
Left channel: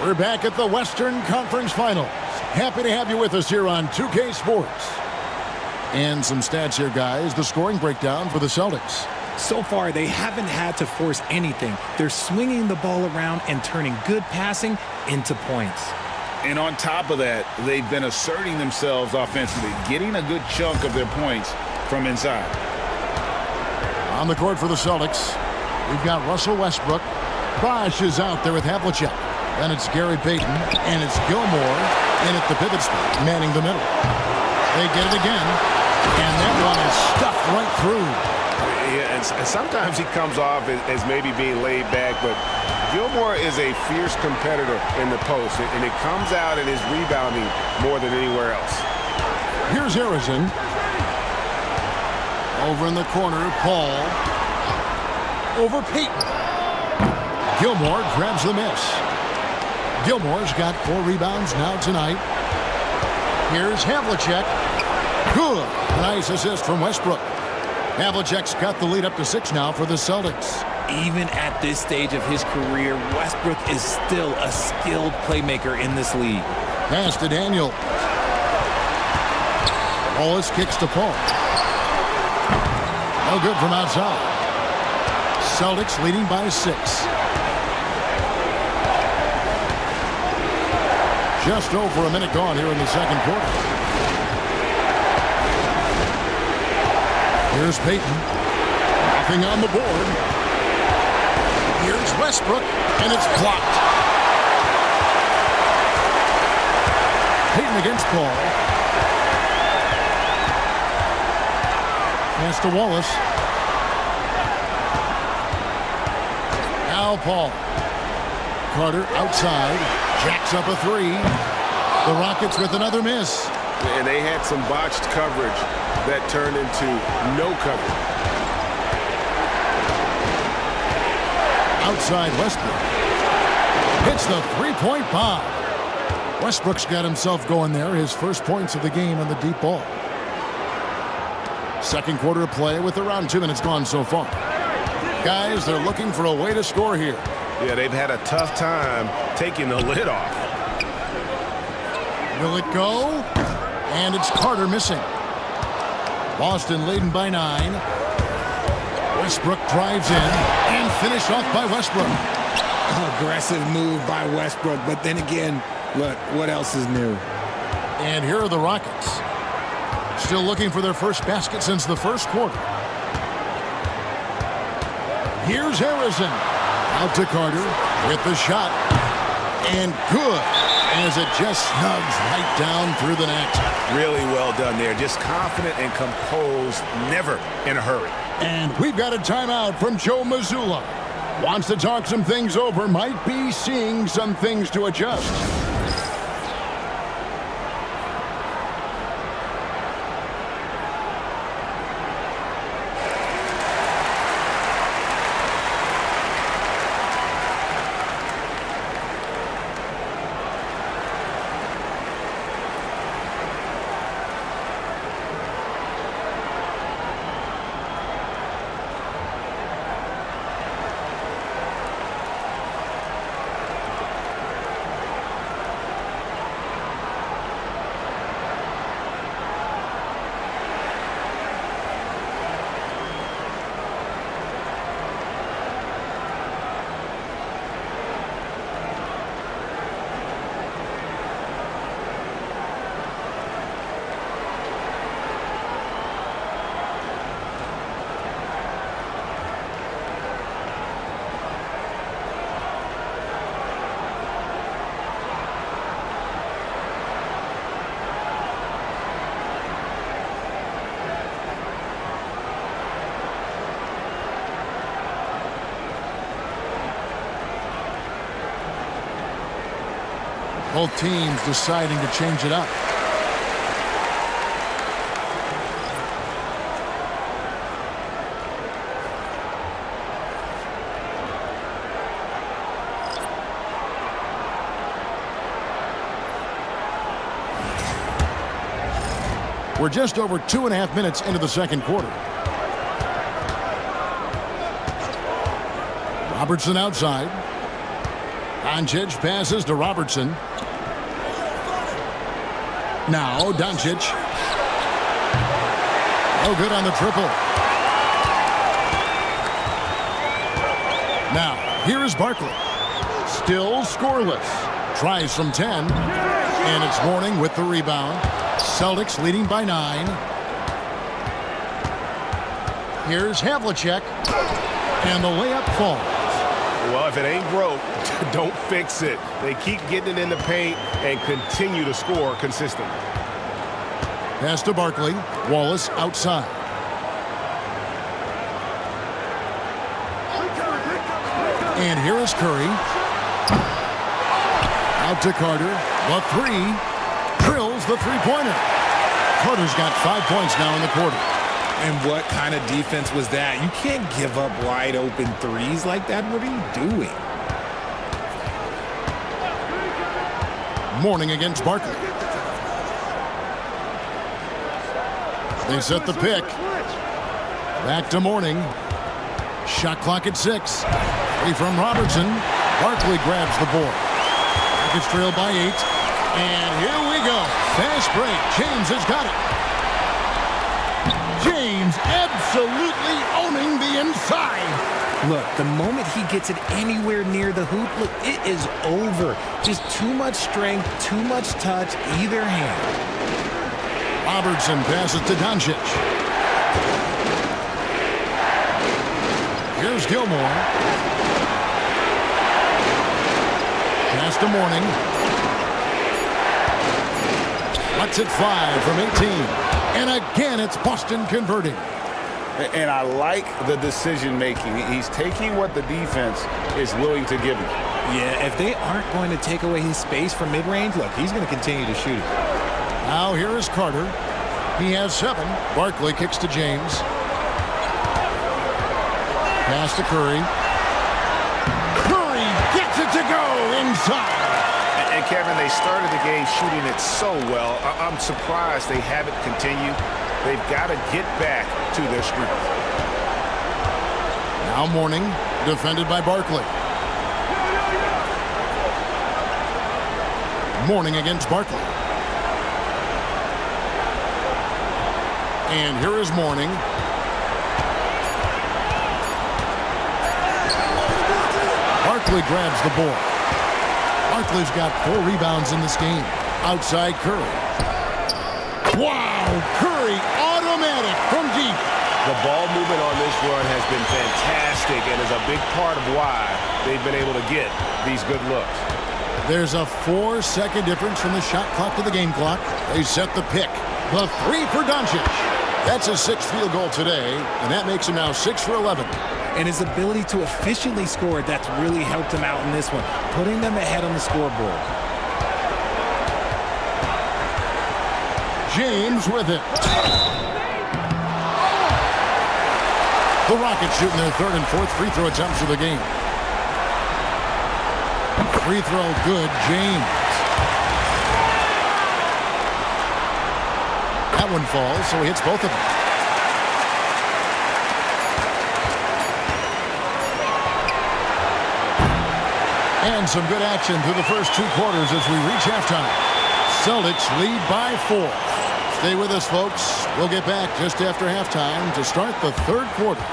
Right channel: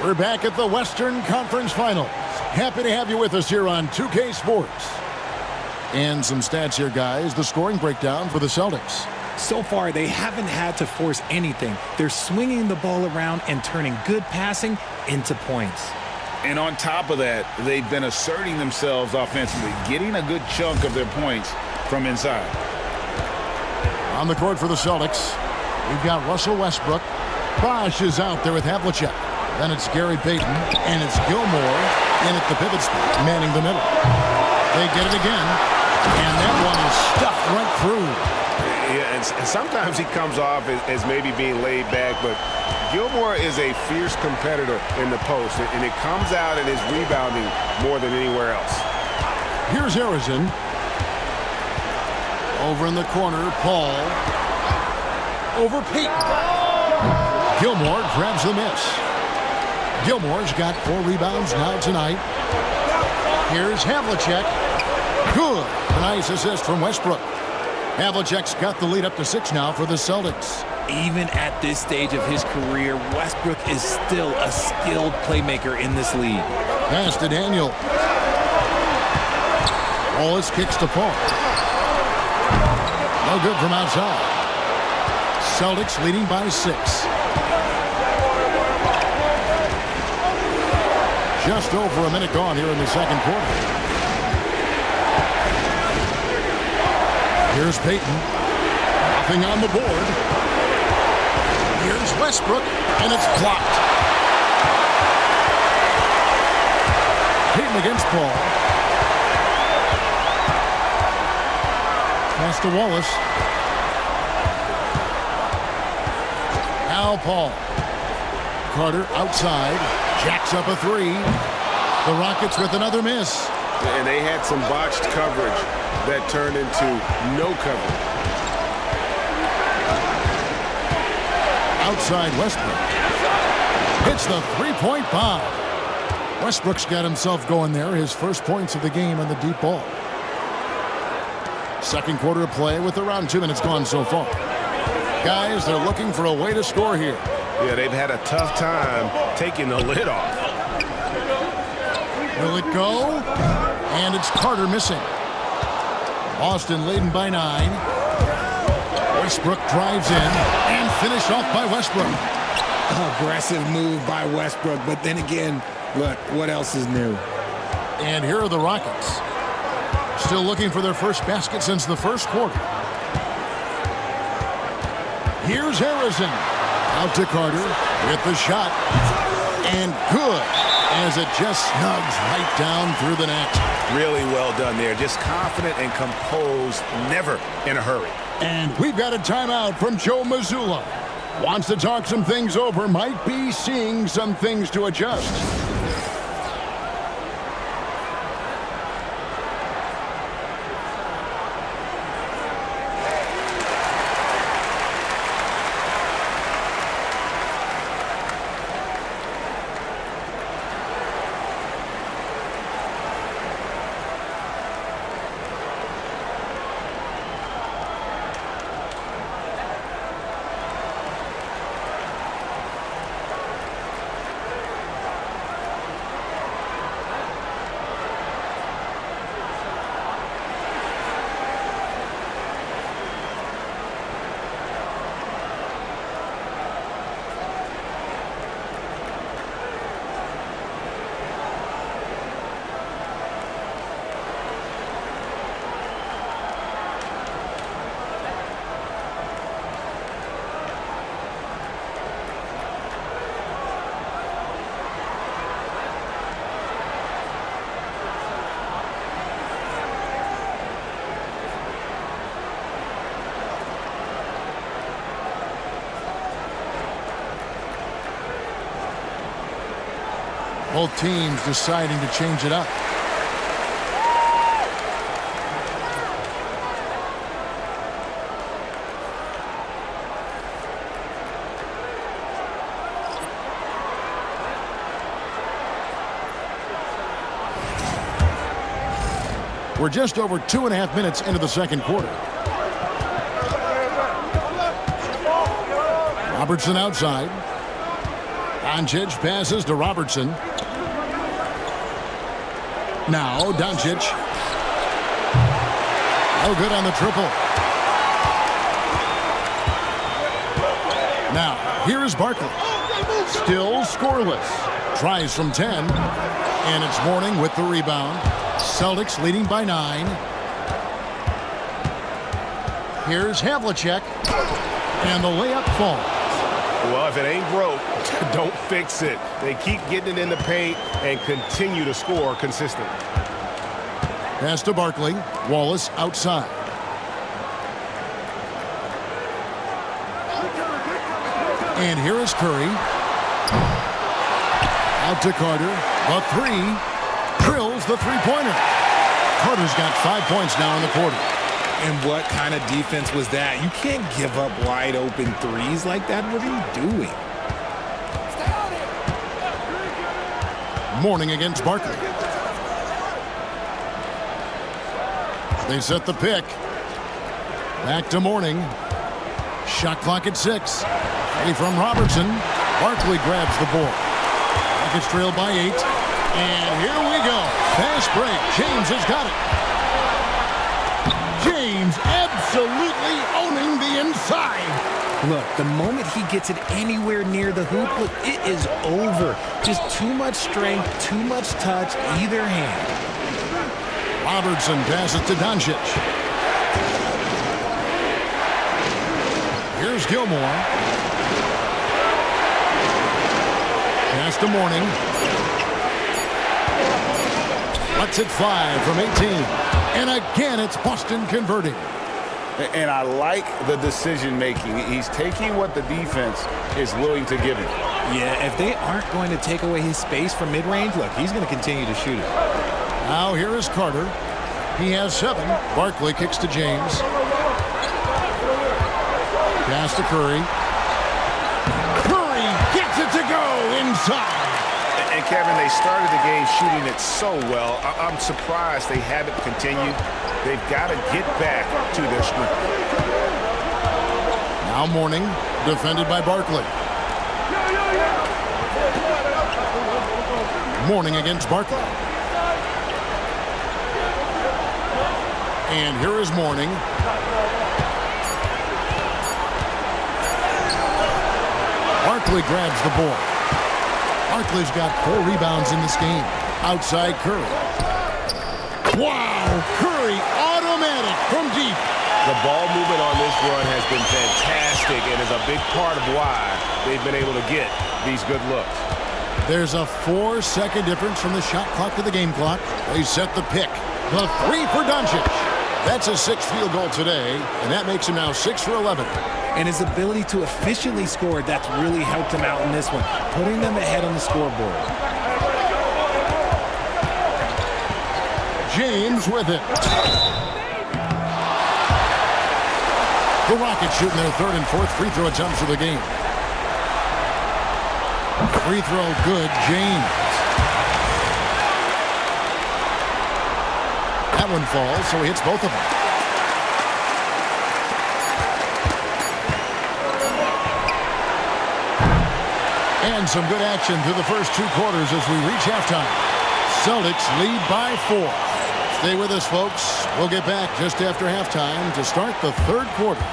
We're back at the Western Conference Finals. Happy to have you with us here on 2K Sports. And some stats here, guys. The scoring breakdown for the Celtics. So far, they haven't had to force anything. They're swinging the ball around and turning good passing into points. And on top of that, they've been asserting themselves offensively, getting a good chunk of their points from inside. On the court for the Celtics, we've got Russell Westbrook. Bosh is out there with Havlicek. Then it's Gary Payton, and it's Gilmore in at the pivot spot, manning the middle. They get it again. And that one is stuffed right through. Yeah, and sometimes he comes off as maybe being laid back, but Gilmore is a fierce competitor in the post, and it comes out in his rebounding more than anywhere else. Here's Harrison. Over in the corner, Paul. Over Payton. Gilmore grabs the miss. Gilmore's got 4 rebounds now tonight. Here's Havlicek. Good. A nice assist from Westbrook. Havlicek's got the lead up to 6 now for the Celtics. Even at this stage of his career, Westbrook is still a skilled playmaker in this league. Pass to Daniel. Wallace kicks to Paul. No good from outside. Celtics leading by 6. Just over a minute gone here in the second quarter. Here's Payton. Nothing on the board. Here's Westbrook, and it's blocked. Payton against Paul. Pass to Wallace. Now Paul. Carter outside. Jacks up a three. The Rockets with another miss. And they had some botched coverage that turned into no coverage. Outside Westbrook. Hits the three-point bomb. Westbrook's got himself going there. His first points of the game on the deep ball. Second quarter of play with around 2 minutes gone so far. Guys, they're looking for a way to score here. Yeah, they've had a tough time taking the lid off. Will it go? And it's Carter missing. Boston leading by 9. Westbrook drives in and finished off by Westbrook. Aggressive move by Westbrook, but then again, look, what else is new? And here are the Rockets. Still looking for their first basket since the first quarter. Here's Harrison. Out to Carter with the shot. And good, as it just snugs right down through the net. Really well done there. Just confident and composed, never in a hurry. And we've got a timeout from Joe Mazzulla. Wants to talk some things over, might be seeing some things to adjust. Both teams deciding to change it up. We're just over 2.5 minutes into the second quarter. Robertson outside. Doncic passes to Robertson. Now Doncic. No good on the triple. Now here is Barkley. Still scoreless. Tries from 10. And it's Mourning with the rebound. Celtics leading by 9. Here's Havlicek. And the layup falls. Well, if it ain't broke, don't fix it. They keep getting it in the paint and continue to score consistently. Pass to Barkley. Wallace outside. And here is Curry. Out to Carter. The three. Drills the three-pointer. Carter's got 5 points now in the quarter. And what kind of defense was that? You can't give up wide open threes like that. What are you doing? Mourning against Barkley. They set the pick. Back to Mourning. Shot clock at 6. Free from Robertson. Barkley grabs the board. Rockets trail by 8. And here we go. Fast break. James has got it. James absolutely owning the inside. Look, the moment he gets it anywhere near the hoop, look, it is over. Just too much strength, too much touch, either hand. Robertson passes to Doncic. Here's Gilmore. Pass to Mourning. Lets it fly from 18. And again, it's Boston converting. And I like the decision making. He's taking what the defense is willing to give him. Yeah, if they aren't going to take away his space from mid-range, look, he's going to continue to shoot it. Now here is Carter. He has 7. Barkley kicks to James. Pass to Curry. Curry gets it to go inside. And Kevin, they started the game shooting it so well. I'm surprised they haven't continued. They've got to get back to their strength. Now Mourning, defended by Barkley. Mourning against Barkley. And here is Mourning. Barkley grabs the board. Barkley's got 4 rebounds in this game. Outside Curry. Wow! Curry, automatic from deep. The ball movement on this run has been fantastic and is a big part of why they've been able to get these good looks. There's a 4-second difference from the shot clock to the game clock. They set the pick. The 3 for Doncic. That's his 6th field goal today, and that makes him now 6 for 11. And his ability to efficiently score, that's really helped him out in this one, putting them ahead on the scoreboard. James with it. The Rockets shooting their 3rd and 4th free throw attempts of the game. Free throw good, James. That one falls, so he hits both of them. And some good action through the first 2 quarters as we reach halftime. Celtics lead by 4. Stay with us, folks. We'll get back just after halftime to start the 3rd quarter.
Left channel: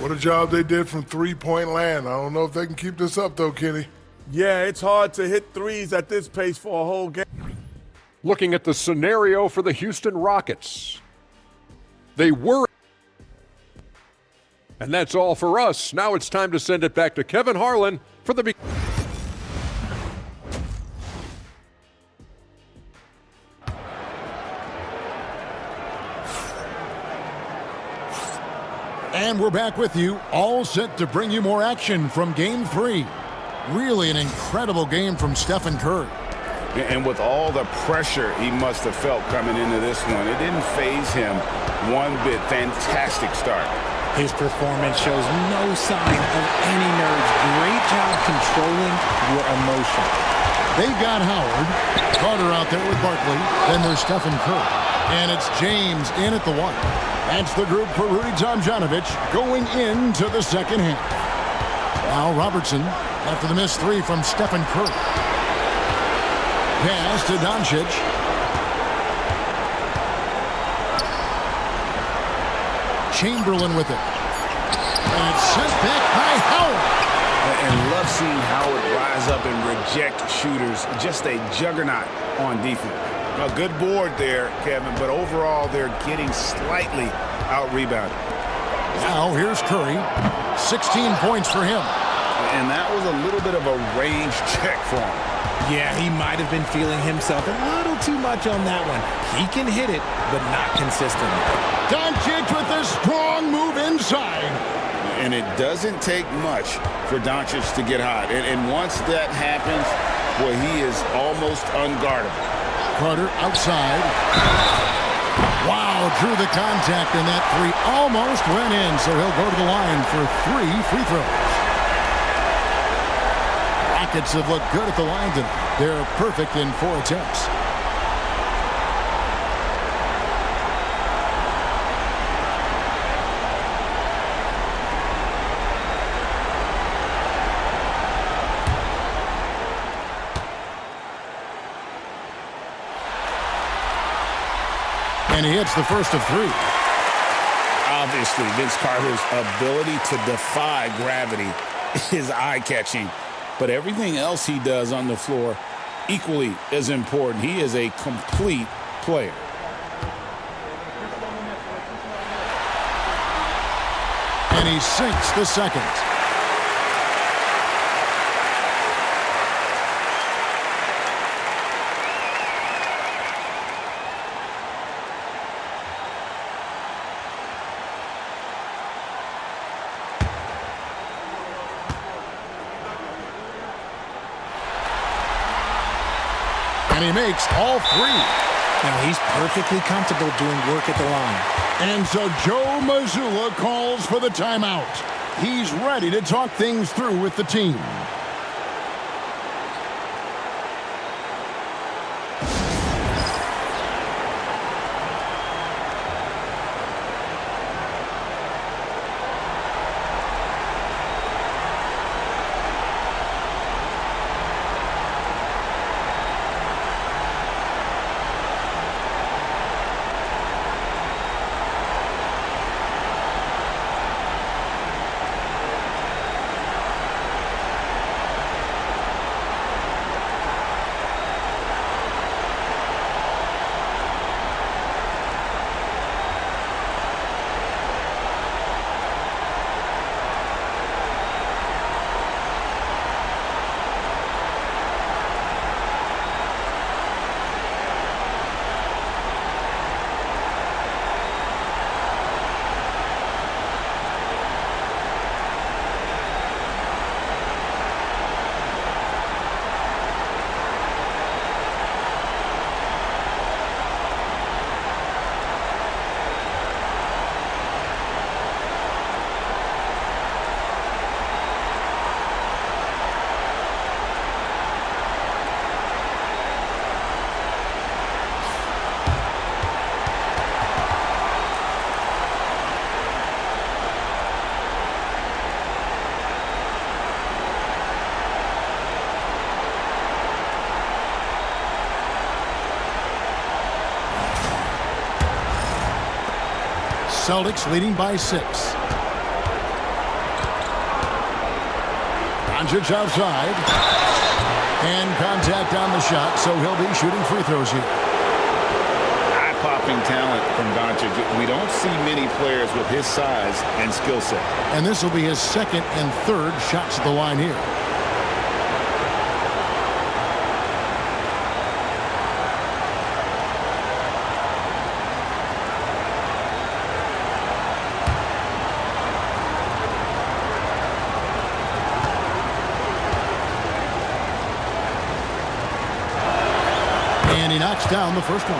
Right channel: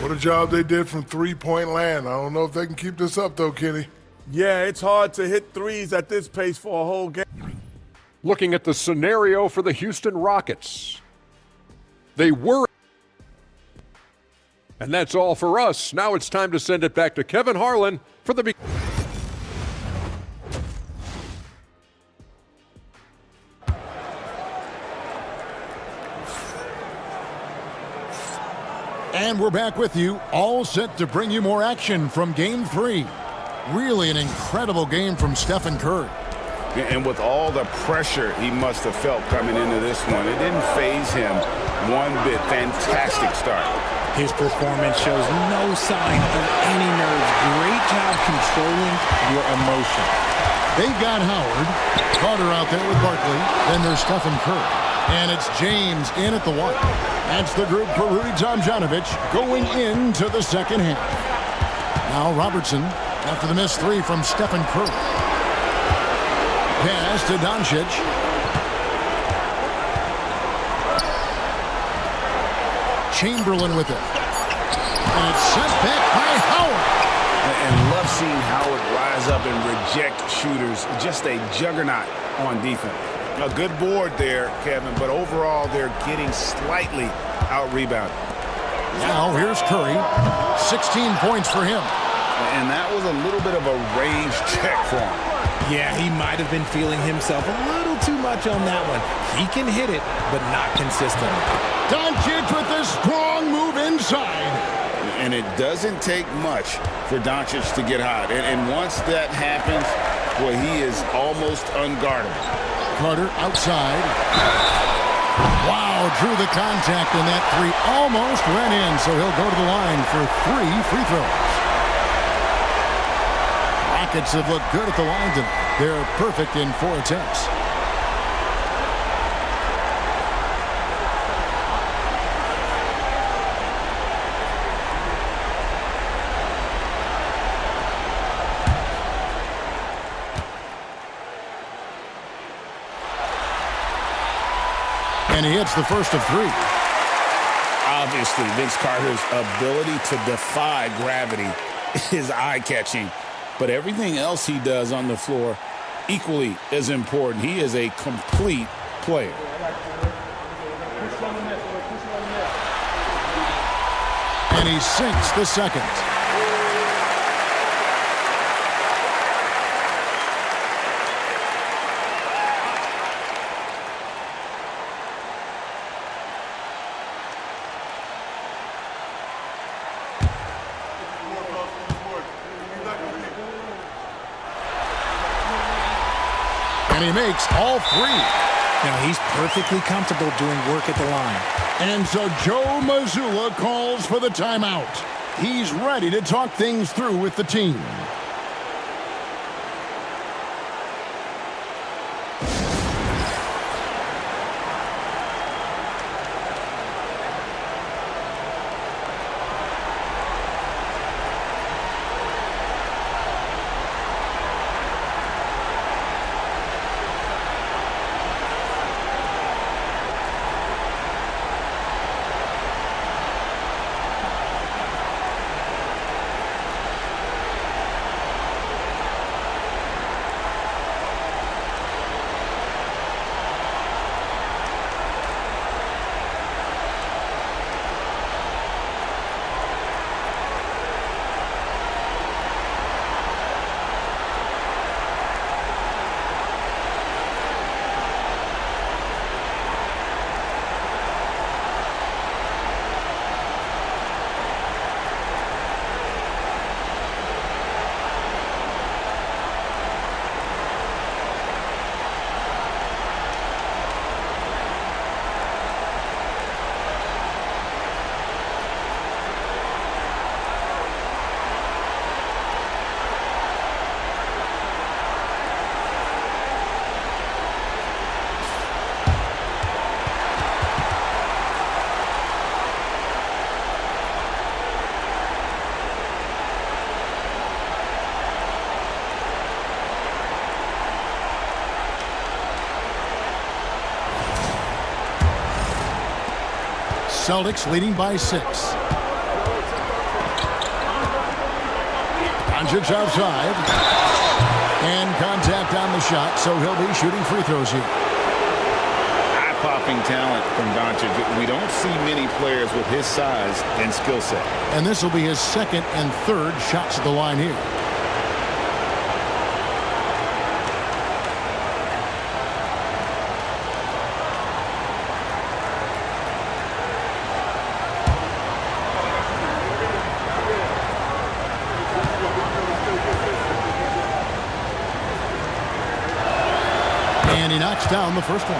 What a job they did from three-point land. I don't know if they can keep this up, though, Kenny. Yeah, it's hard to hit threes at this pace for a whole game. Looking at the scenario for the Houston Rockets. They were. And that's all for us. Now it's time to send it back to Kevin Harlan for the And we're back with you, all set to bring you more action from Game 3. Really an incredible game from Stephen Curry. And with all the pressure he must have felt coming into this one, it didn't faze him one bit. Fantastic start. His performance shows no sign of any nerves. Great job controlling your emotion. They've got Howard, Carter out there with Barkley, then there's Stephen Curry. And it's James in at the 1. That's the group for Rudy Tomjanovich going into the second half. Now Robertson after the missed 3 from Stephen Curry. Pass to Doncic. Chamberlain with it. And it's sent back by Howard. And love seeing Howard rise up and reject shooters. Just a juggernaut on defense. A good board there, Kevin, but overall they're getting slightly out-rebounded. Now here's Curry. 16 points for him. And that was a little bit of a range check for him. Yeah, he might have been feeling himself a little too much on that one. He can hit it, but not consistently. Doncic with a strong move inside. And it doesn't take much for Doncic to get hot. And once that happens, boy, he is almost unguardable. Carter outside. Wow, drew the contact, and that 3 almost went in, so he'll go to the line for 3 free throws. Rockets have looked good at the line tonight. They're perfect in 4 attempts. And he hits the first of 3. Obviously, Vince Carter's ability to defy gravity is eye-catching, but everything else he does on the floor equally as important. He is a complete player. And he sinks the second. And he makes all 3. Now he's perfectly comfortable doing work at the line. And so Joe Mazzulla calls for the timeout. He's ready to talk things through with the team. Celtics leading by 6. Doncic outside. And contact on the shot, so he'll be shooting free throws here. Eye-popping talent from Doncic. We don't see many players with his size and skill set. And this will be his 2nd and 3rd shots at the line here. And he knocks down the first one.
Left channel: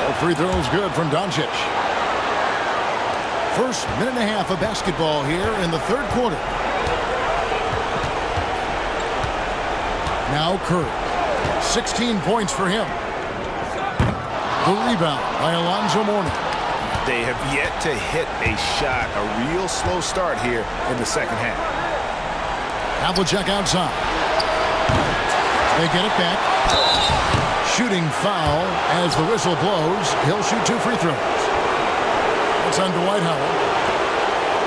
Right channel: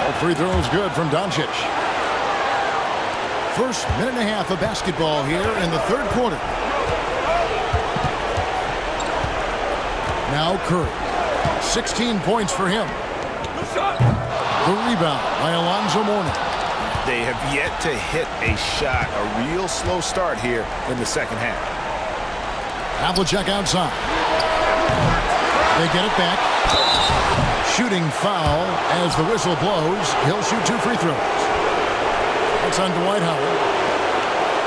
All free throws good from Doncic. First minute and a half of basketball here in the 3rd quarter. Now Curry, 16 points for him. The rebound by Alonzo Mourning. They have yet to hit a shot, a real slow start here in the second half. Havlicek outside. They get it back. Shooting foul as the whistle blows. He'll shoot 2 free throws. That's on Dwight Howard.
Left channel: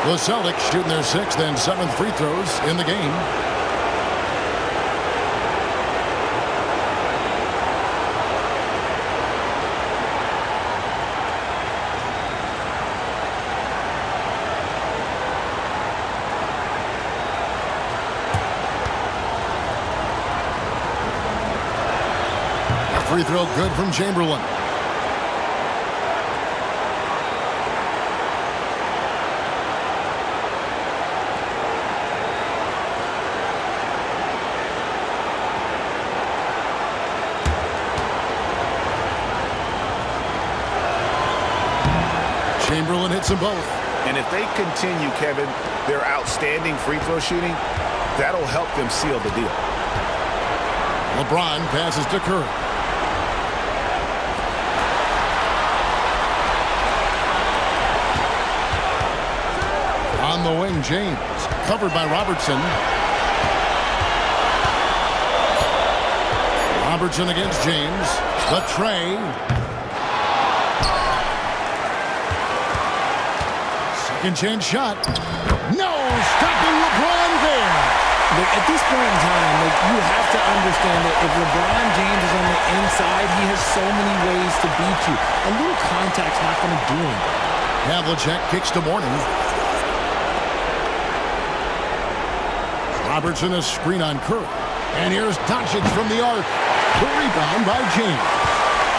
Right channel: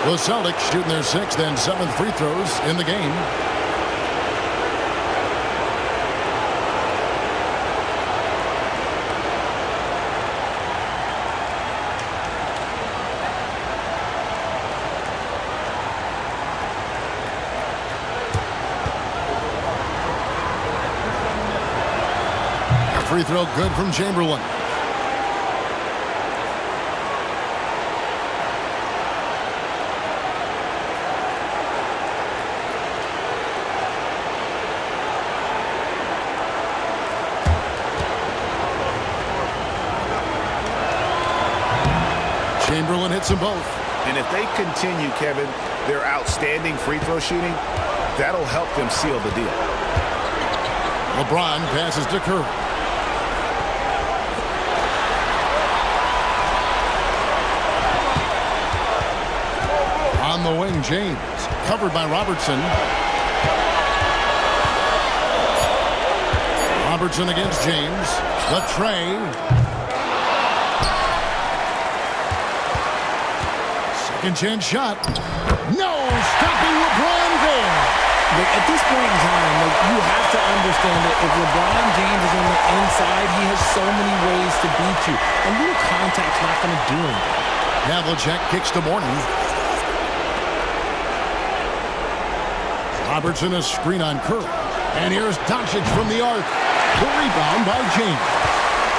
The Celtics shooting their 6th and 7th free throws in the game. Free throw good from Chamberlain. Chamberlain hits them both. And if they continue, Kevin, their outstanding free throw shooting, that'll help them seal the deal. LeBron passes to Curry. On the wing, James. Covered by Robertson. Robertson against James. The tray. Second chance shot. No! Stopping LeBron there. At this point in time, you have to understand that if LeBron James is on the inside, he has so many ways to beat you. A little contact's not going to do anything. Havlicek kicks to Mourning. Robertson a screen on Curry. And here's Doncic from the arc. The rebound by James.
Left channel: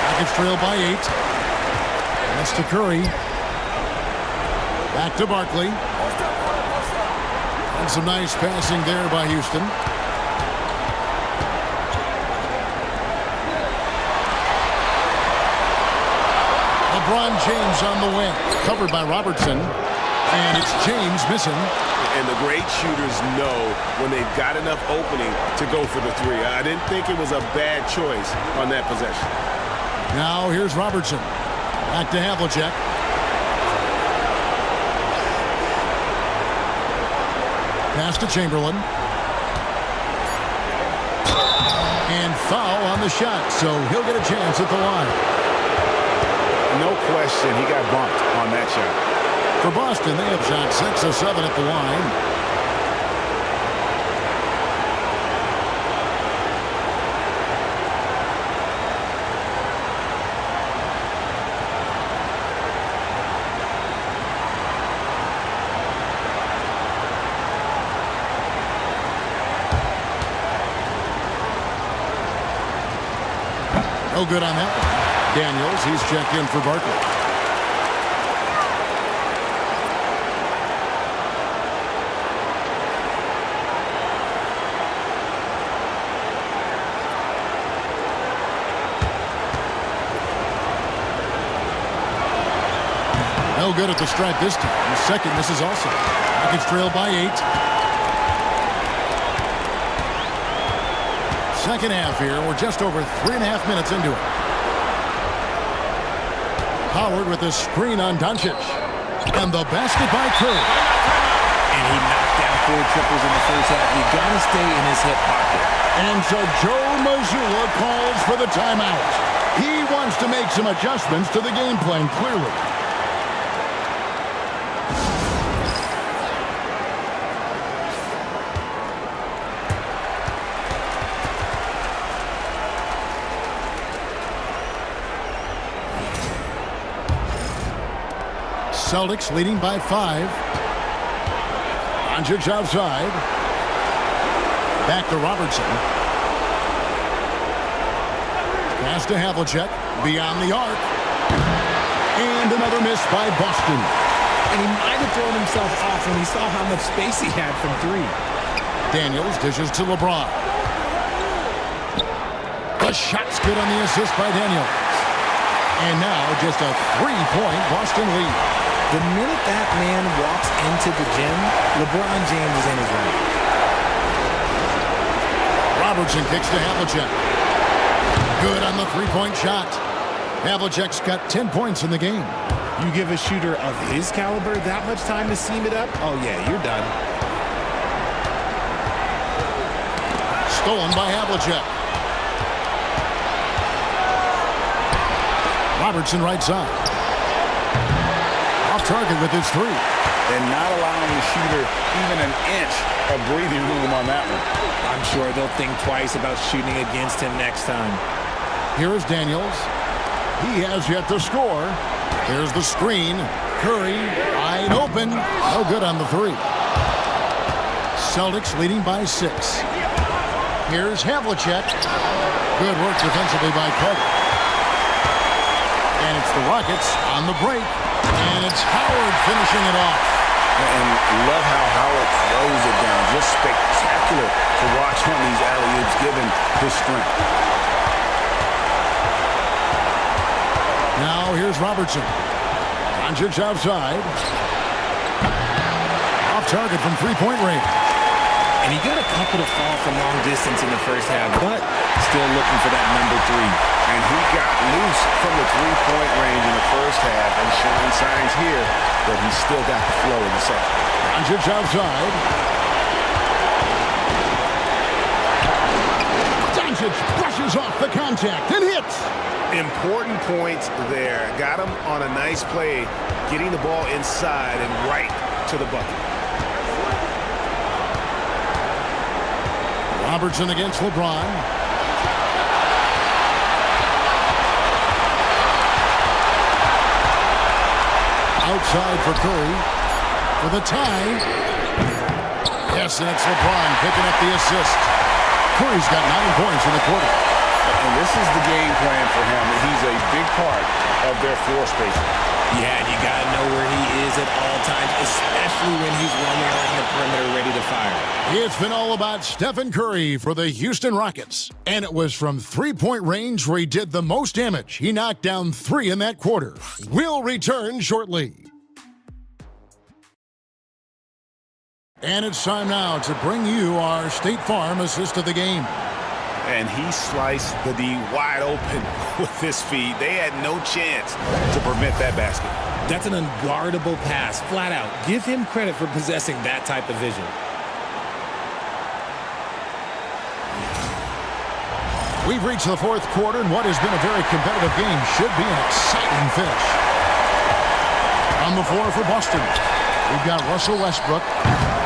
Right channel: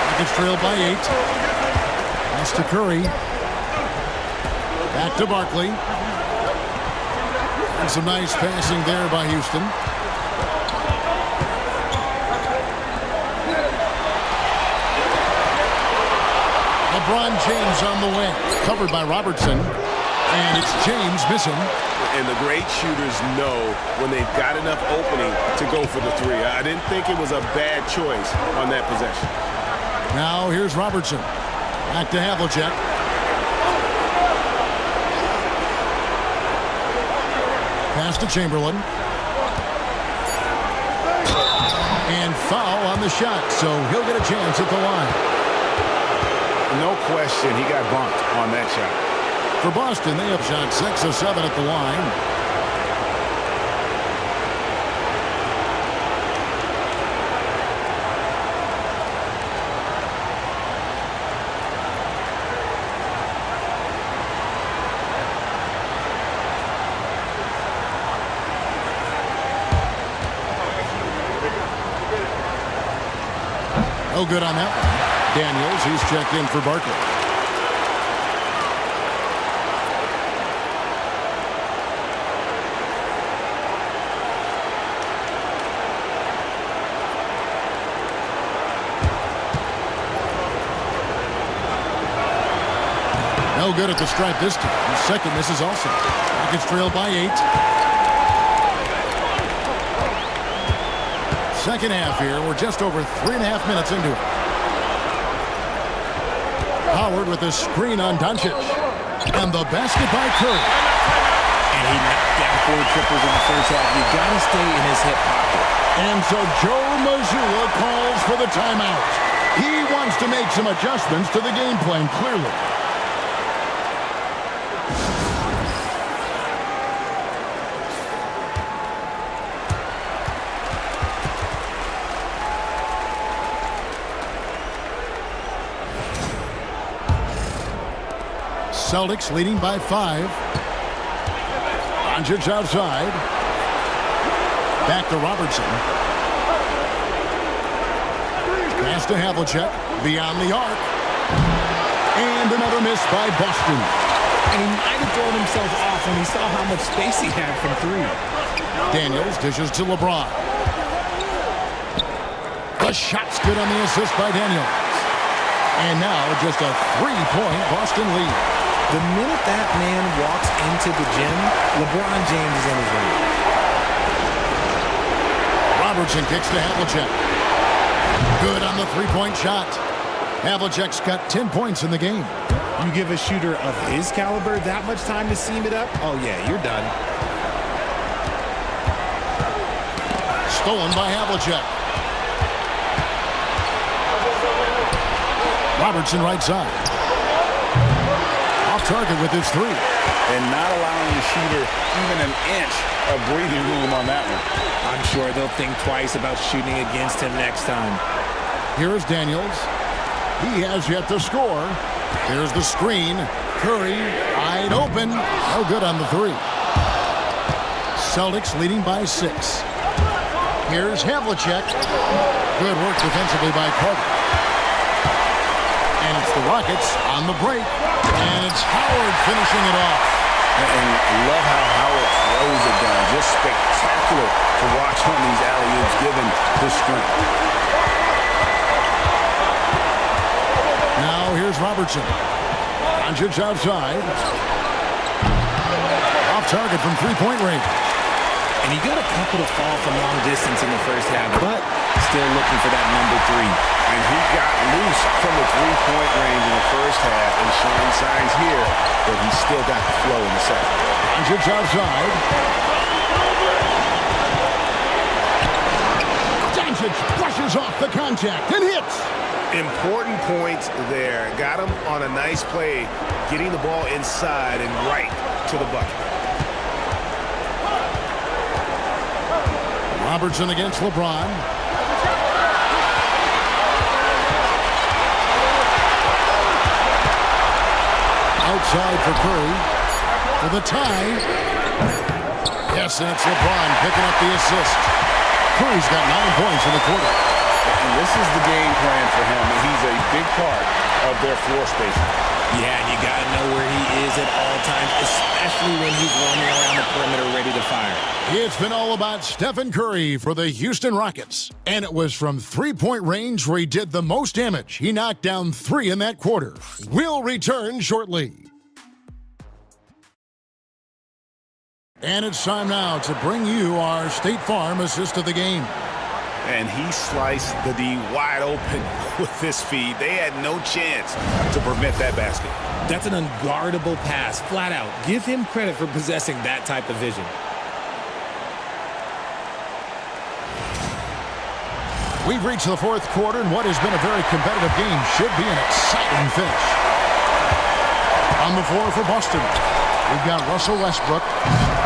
Rockets trail by 8. Pass to Curry. Back to Barkley. And some nice passing there by Houston. LeBron James on the wing. Covered by Robertson. And it's James missing. And the great shooters know when they've got enough opening to go for the three. I didn't think it was a bad choice on that possession. Now here's Robertson. Back to Havlicek. Pass to Chamberlain. And foul on the shot, so he'll get a chance at the line. No question, he got bumped on that shot. For Boston, they have shot 6 of 7 at the line. No good on that one. Daniels, he's checked in for Barkley. No good at the stripe this time. Second misses also. Rockets trail by 8. Second half here. We're just over 3.5 minutes into it. Howard with a screen on Doncic. And the basket by Curry. And he knocked down 4 triples in the first half. You got to stay in his hip pocket. And so Joe Mazzulla calls for the timeout. He wants to make some adjustments to the game plan, clearly. Celtics leading by 5. Doncic outside. Back to Robertson. Pass to Havlicek. Beyond the arc. And another miss by Boston. And he might have thrown himself off when he saw how much space he had from 3. Daniels dishes to LeBron. The shot's good on the assist by Daniels. And now just a 3-point Boston lead. The minute that man walks into the gym, LeBron James is in his range. Robertson kicks to Havlicek. Good on the 3-point shot. Havlicek's got 10 points in the game. You give a shooter of his caliber that much time to seam it up, oh yeah, you're done. Stolen by Havlicek. Robertson right side. Off target with his 3. And not allowing the shooter even an inch of breathing room on that one. I'm sure they'll think twice about shooting against him next time. Here's Daniels. He has yet to score. There's the screen. Curry wide open. No good on the 3. Celtics leading by 6. Here's Havlicek. Good work defensively by Carter. And it's the Rockets on the break. And it's Howard finishing it off. And love how Howard throws it down. Just spectacular to watch on these alley-oops given his strength. Now here's Robertson. Doncic outside. Off target from 3-point range. And he got a couple to fall from long distance in the first half, but still looking for that number 3. And he got loose from the three-point range in the first half and showing signs here that he's still got the flow in the second. Doncic outside. Doncic brushes off the contact and hits. Important points there. Got him on a nice play, getting the ball inside and right to the bucket. Robertson against LeBron. Outside for Curry for the tie. Yes, and it's LeBron picking up the assist. Curry's got 9 points in the quarter. And this is the game plan for him. He's a big part of their floor spacing. Yeah, and you got to know where he is at all times, especially when he's roaming around the perimeter ready to fire. It's been all about Stephen Curry for the Houston Rockets. And it was from three-point range where he did the most damage. He knocked down 3 in that quarter. We'll return shortly. And it's time now to bring you our State Farm assist of the game. And he sliced the D wide open with his feet. They had no chance to prevent that basket. That's an unguardable pass, flat out. Give him credit for possessing that type of vision. We've reached the fourth quarter, and what has been a very competitive game should be an exciting finish. On the floor for Boston, we've got Russell Westbrook.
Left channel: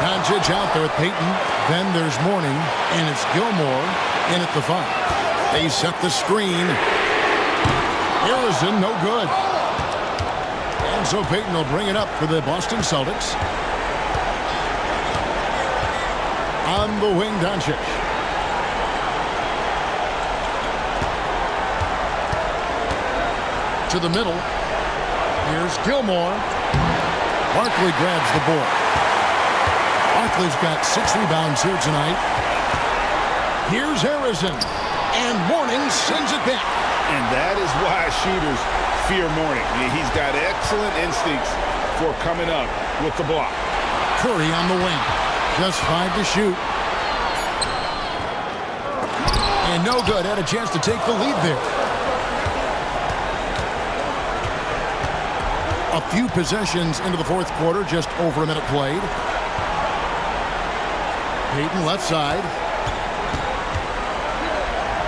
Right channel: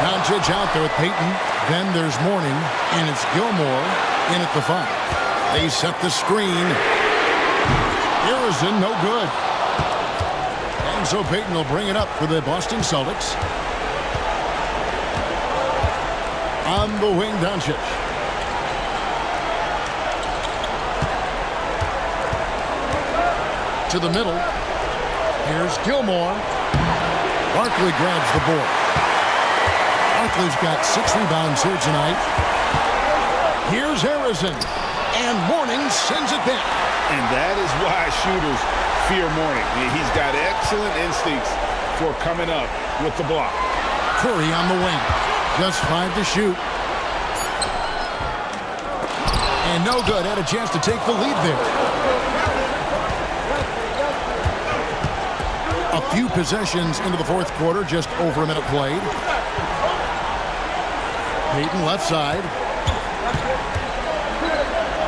Doncic out there with Payton. Then there's Mourning, and it's Gilmore in at the 5. They set the screen. Harrison, no good. And so Payton will bring it up for the Boston Celtics. On the wing, Doncic. To the middle. Here's Gilmore. Barkley grabs the board. Barkley's got 6 rebounds here tonight. Here's Harrison. And Mourning sends it back. And that is why shooters fear Mourning. He's got excellent instincts for coming up with the block. Curry on the wing. Just 5 to shoot. And no good. Had a chance to take the lead there. A few possessions into the fourth quarter, just over a minute played. Payton left side.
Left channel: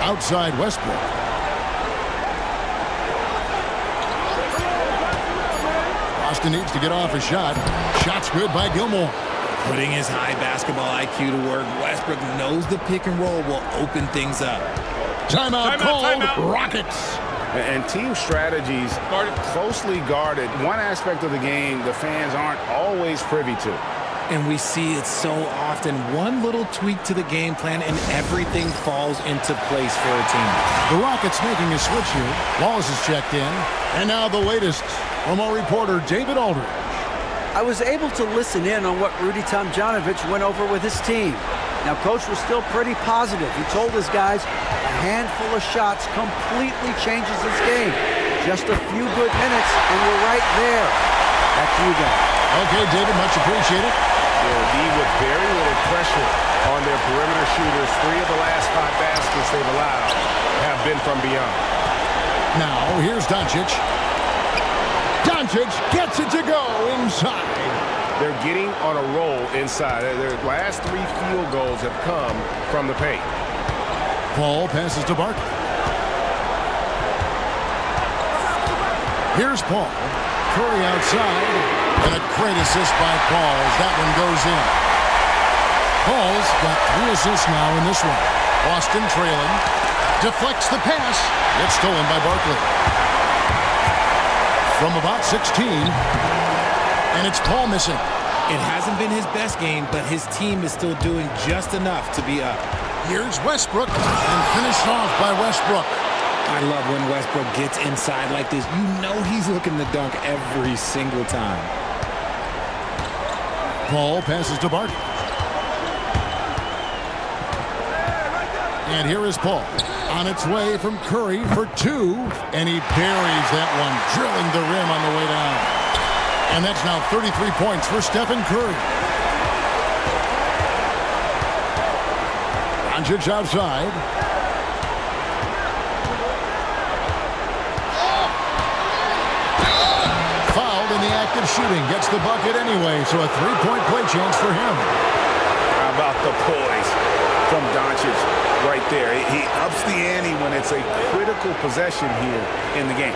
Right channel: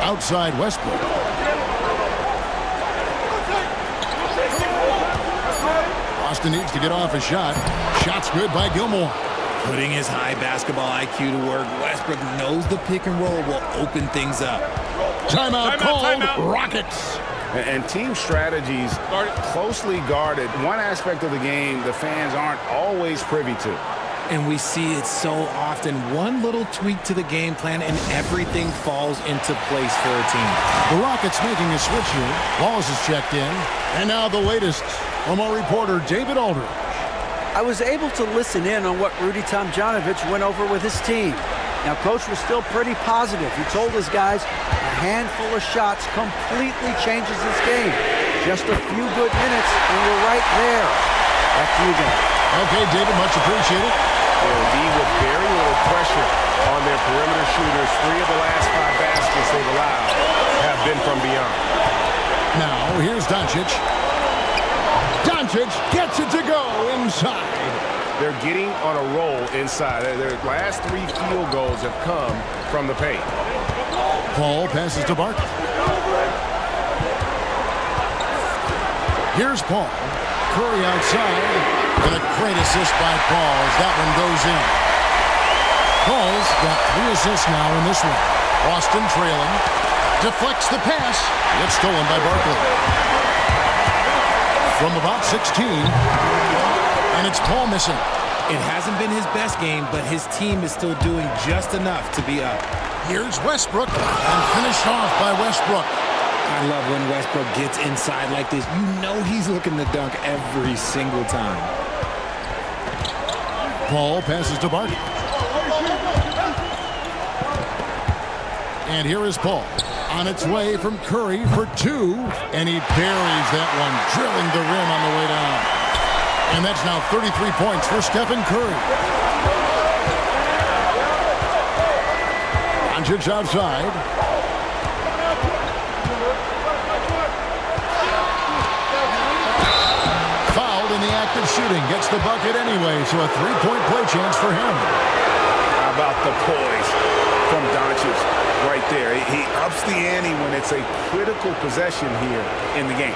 Outside Westbrook. Boston needs to get off a shot. Shot's good by Gilmore. Putting his high basketball IQ to work, Westbrook knows the pick and roll will open things up. Timeout called. Rockets. And team strategies closely guarded. One aspect of the game the fans aren't always privy to. And we see it so often. One little tweak to the game plan and everything falls into place for a team. The Rockets making a switch here. Wallace is checked in. And now the latest from our reporter, David Aldridge. I was able to listen in on what Rudy Tomjanovich went over with his team. Now, Coach was still pretty positive. He told his guys a handful of shots completely changes this game. Just a few good minutes, and we're right there. Back to you guys. Okay, David, much appreciated. Yeah, the D with very little pressure on their perimeter shooters. 3 of the last 5 baskets they've allowed have been from beyond. Now, here's Doncic. Doncic gets it to go inside. They're getting on a roll inside. Their last 3 field goals have come from the paint. Paul passes to Barkley. Here's Paul. Curry outside. And a great assist by Paul as that one goes in. Paul's got 3 assists now in this one. Boston trailing. Deflects the pass. It's stolen by Barkley. From about 16. And it's Paul missing. It hasn't been his best game, but his team is still doing just enough to be up. Here's Westbrook. And finished off by Westbrook. I love when Westbrook gets inside like this. You know he's looking to dunk every single time. Paul passes to Barkley. And here is Paul. On its way from Curry for 2. And he buries that one, drilling the rim on the way down. And that's now 33 points for Stephen Curry. Doncic outside. Fouled in the act of shooting. Gets the bucket anyway, so a three-point play chance for him. How about the poise from Doncic right there? He ups the ante when it's a critical possession here in the game.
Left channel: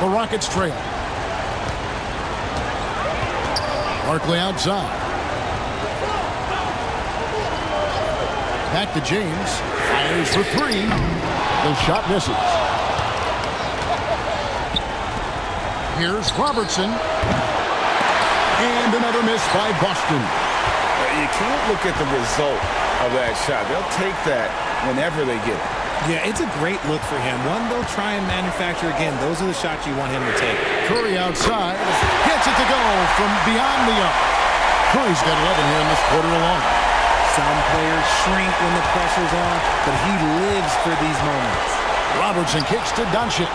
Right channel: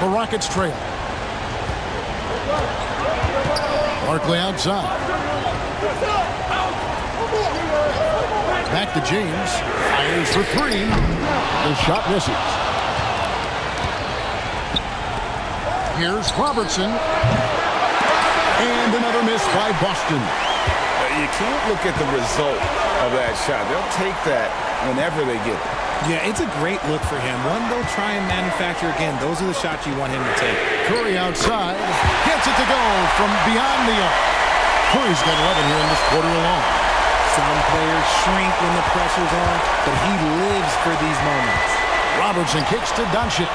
The Rockets trail. Barkley outside. Back to James. Fires for three. The shot misses. Here's Robertson. And another miss by Boston. You can't look at the result of that shot. They'll take that whenever they get it. Yeah, it's a great look for him. One they'll try and manufacture again. Those are the shots you want him to take. Curry outside. Gets it to go from beyond the arc. Curry's got 11 here in this quarter alone. Some players shrink when the pressure's on, but he lives for these moments. Robertson kicks to Doncic.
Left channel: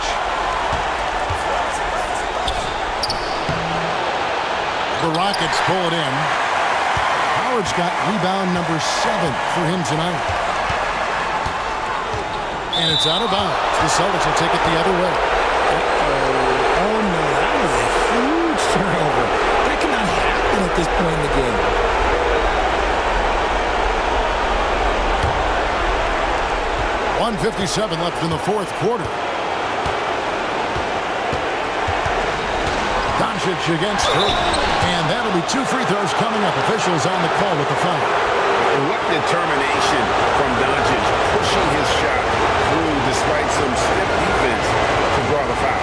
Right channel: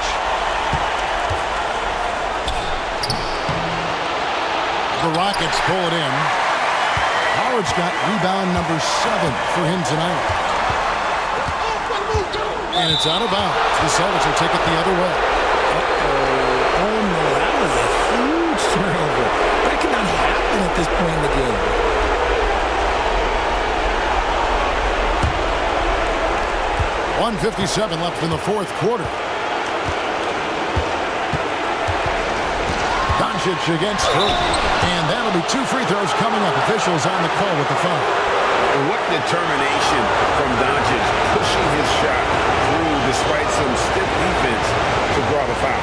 The Rockets pull it in. Howard's got rebound number 7 for him tonight. And it's out of bounds. The Celtics will take it the other way. Uh-oh. Oh, no, that was a huge turnover. That cannot happen at this point in the game. .157 left in the fourth quarter. Doncic against Curry. And that'll be 2 free throws coming up. Officials on the call with the foul. What determination from Doncic, pushing his shot through despite some stiff defense to draw the foul.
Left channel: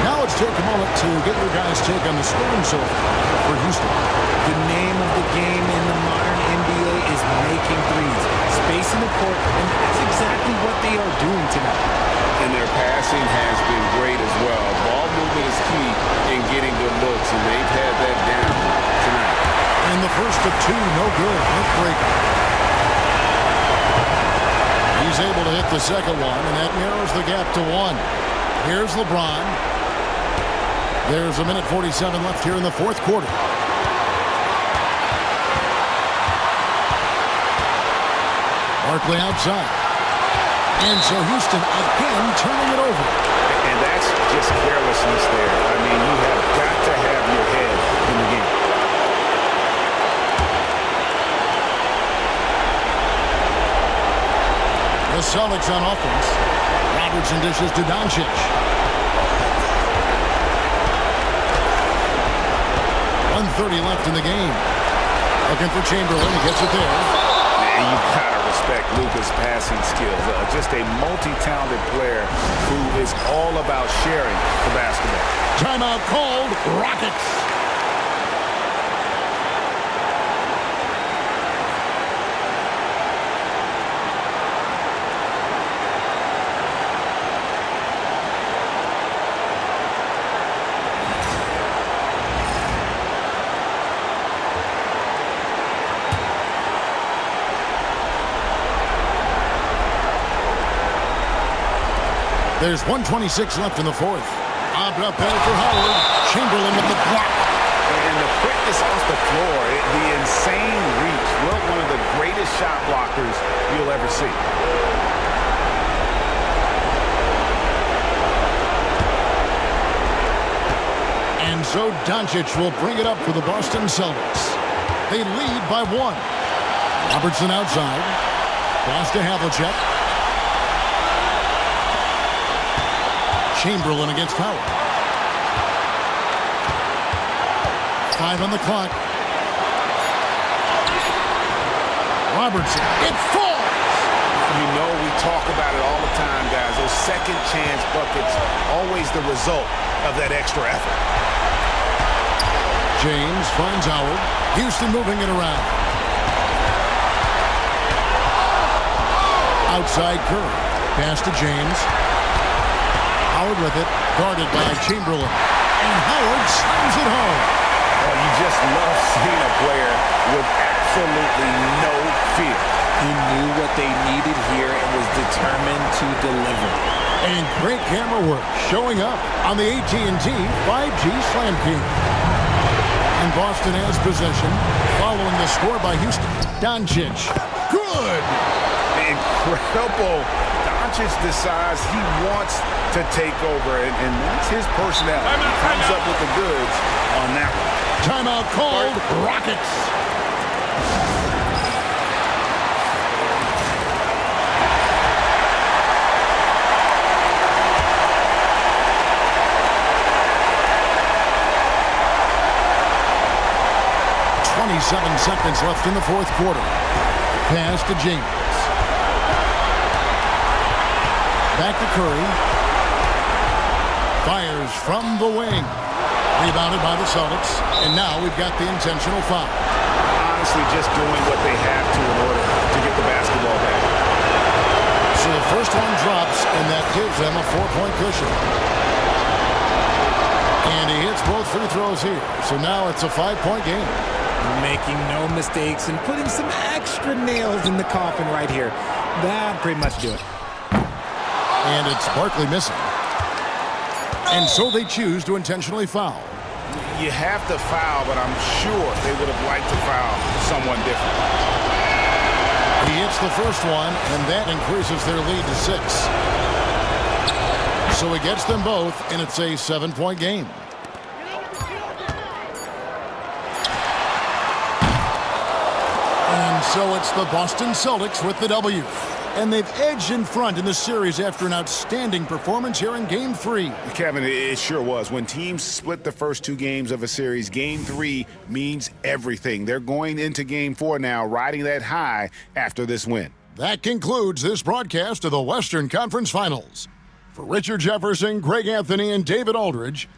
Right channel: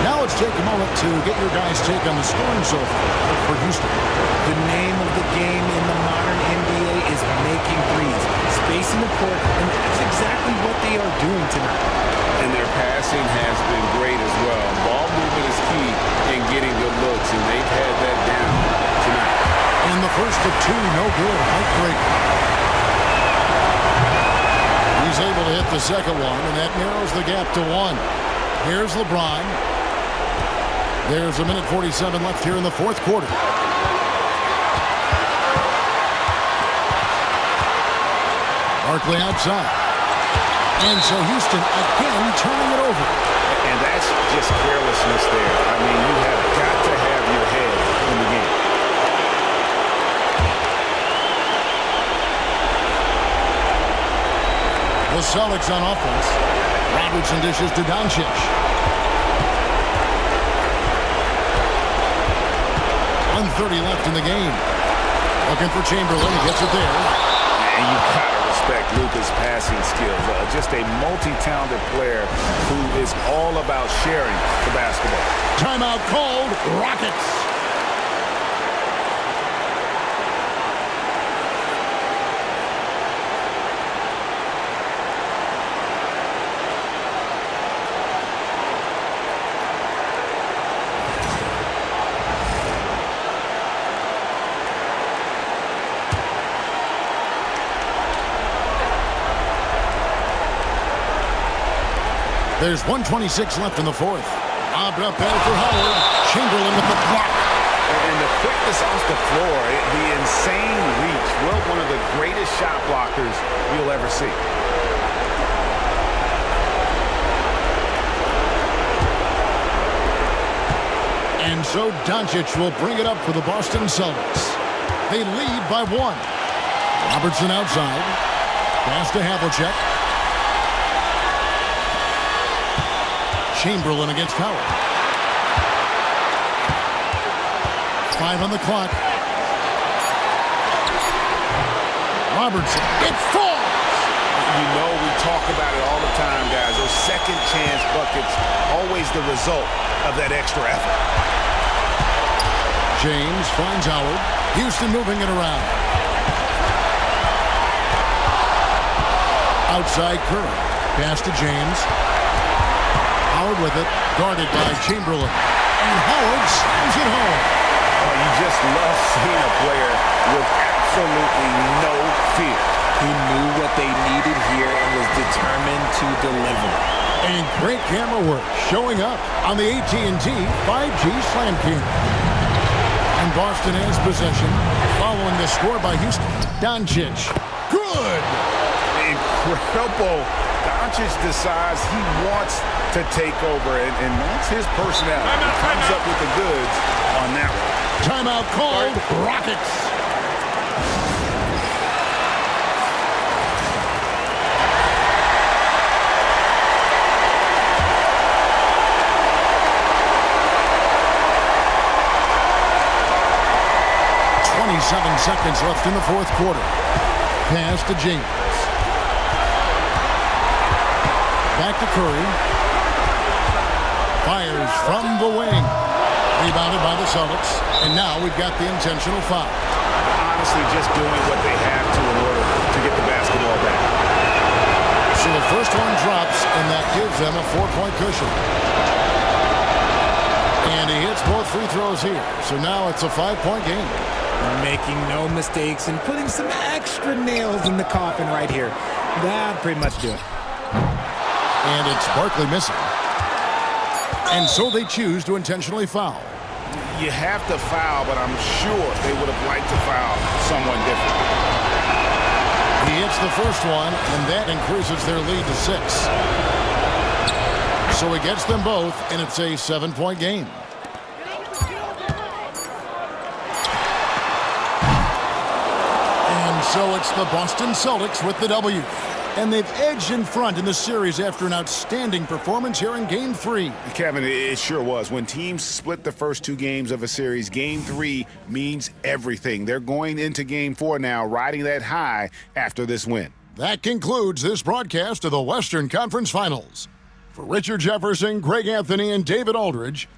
Now let's take a moment to get your guys' take on the scoring so far for Houston. The name of the game in the modern NBA is making threes, spacing the court, and that's exactly what they are doing tonight. And their passing has been great as well. Ball movement is key in getting good looks, and they've had that down tonight. In the first of 2, no good. Heartbreaker. He's able to hit the second one, and that narrows the gap to 1. Here's LeBron. There's a minute 47 left here in the fourth quarter. Barkley outside. And so Houston again turning it over. And that's just carelessness there. I mean, you have got to have your head in the game. The Celtics on offense. Robertson dishes to Doncic. .130 left in the game. Looking for Chamberlain. He gets it there. And you gotta respect Luka's passing skills. Just a multi-talented player who is all about sharing the basketball. Timeout called. Rockets. There's 1:26 left in the fourth. Lobbed up there for Howard. Chamberlain with the block. And the quickness off the floor, the insane reach. Well, one of the greatest shot blockers you'll ever see. And so Doncic will bring it up for the Boston Celtics. They lead by 1. Robertson outside. Pass to Havlicek. Chamberlain against Howard. 5 on the clock. Robertson. It falls! You know, we talk about it all the time, guys. Those second chance buckets, always the result of that extra effort. James finds Howard. Houston moving it around. Outside Curry. Pass to James. Howard with it, guarded by Chamberlain. And Howard slams it home. Oh, you just love seeing a player with absolutely no fear. He knew what they needed here and was determined to deliver. And great camera work showing up on the AT&T 5G Slam King. And Boston has possession following the score by Houston. Doncic. Good. Incredible. Doncic decides he wants to take over, and that's his personality. He comes up with the goods on that one. Timeout called. Rockets. .27 seconds left in the fourth quarter. Pass to James. Back to Curry. Fires from the wing. Rebounded by the Celtics. And now we've got the intentional foul. Honestly, just doing what they have to in order to get the basketball back. So the first one drops, and that gives them a 4-point cushion. And he hits both free throws here. So now it's a 5-point game. Making no mistakes and putting some extra nails in the coffin right here. That'd pretty much do it. And it's Barkley missing. And so they choose to intentionally foul. You have to foul, but I'm sure they would have liked to foul someone different. He hits the first one, and that increases their lead to 6. So he gets them both, and it's a 7-point game. And so it's the Boston Celtics with the W. And they've edged in front in the series after an outstanding performance here in Game 3. Kevin, it sure was. When teams split the first 2 games of a series, Game 3 means everything. They're going into Game 4 now, riding that high after this win. That concludes this broadcast of the Western Conference Finals. For Richard Jefferson, Greg Anthony, and David Aldridge,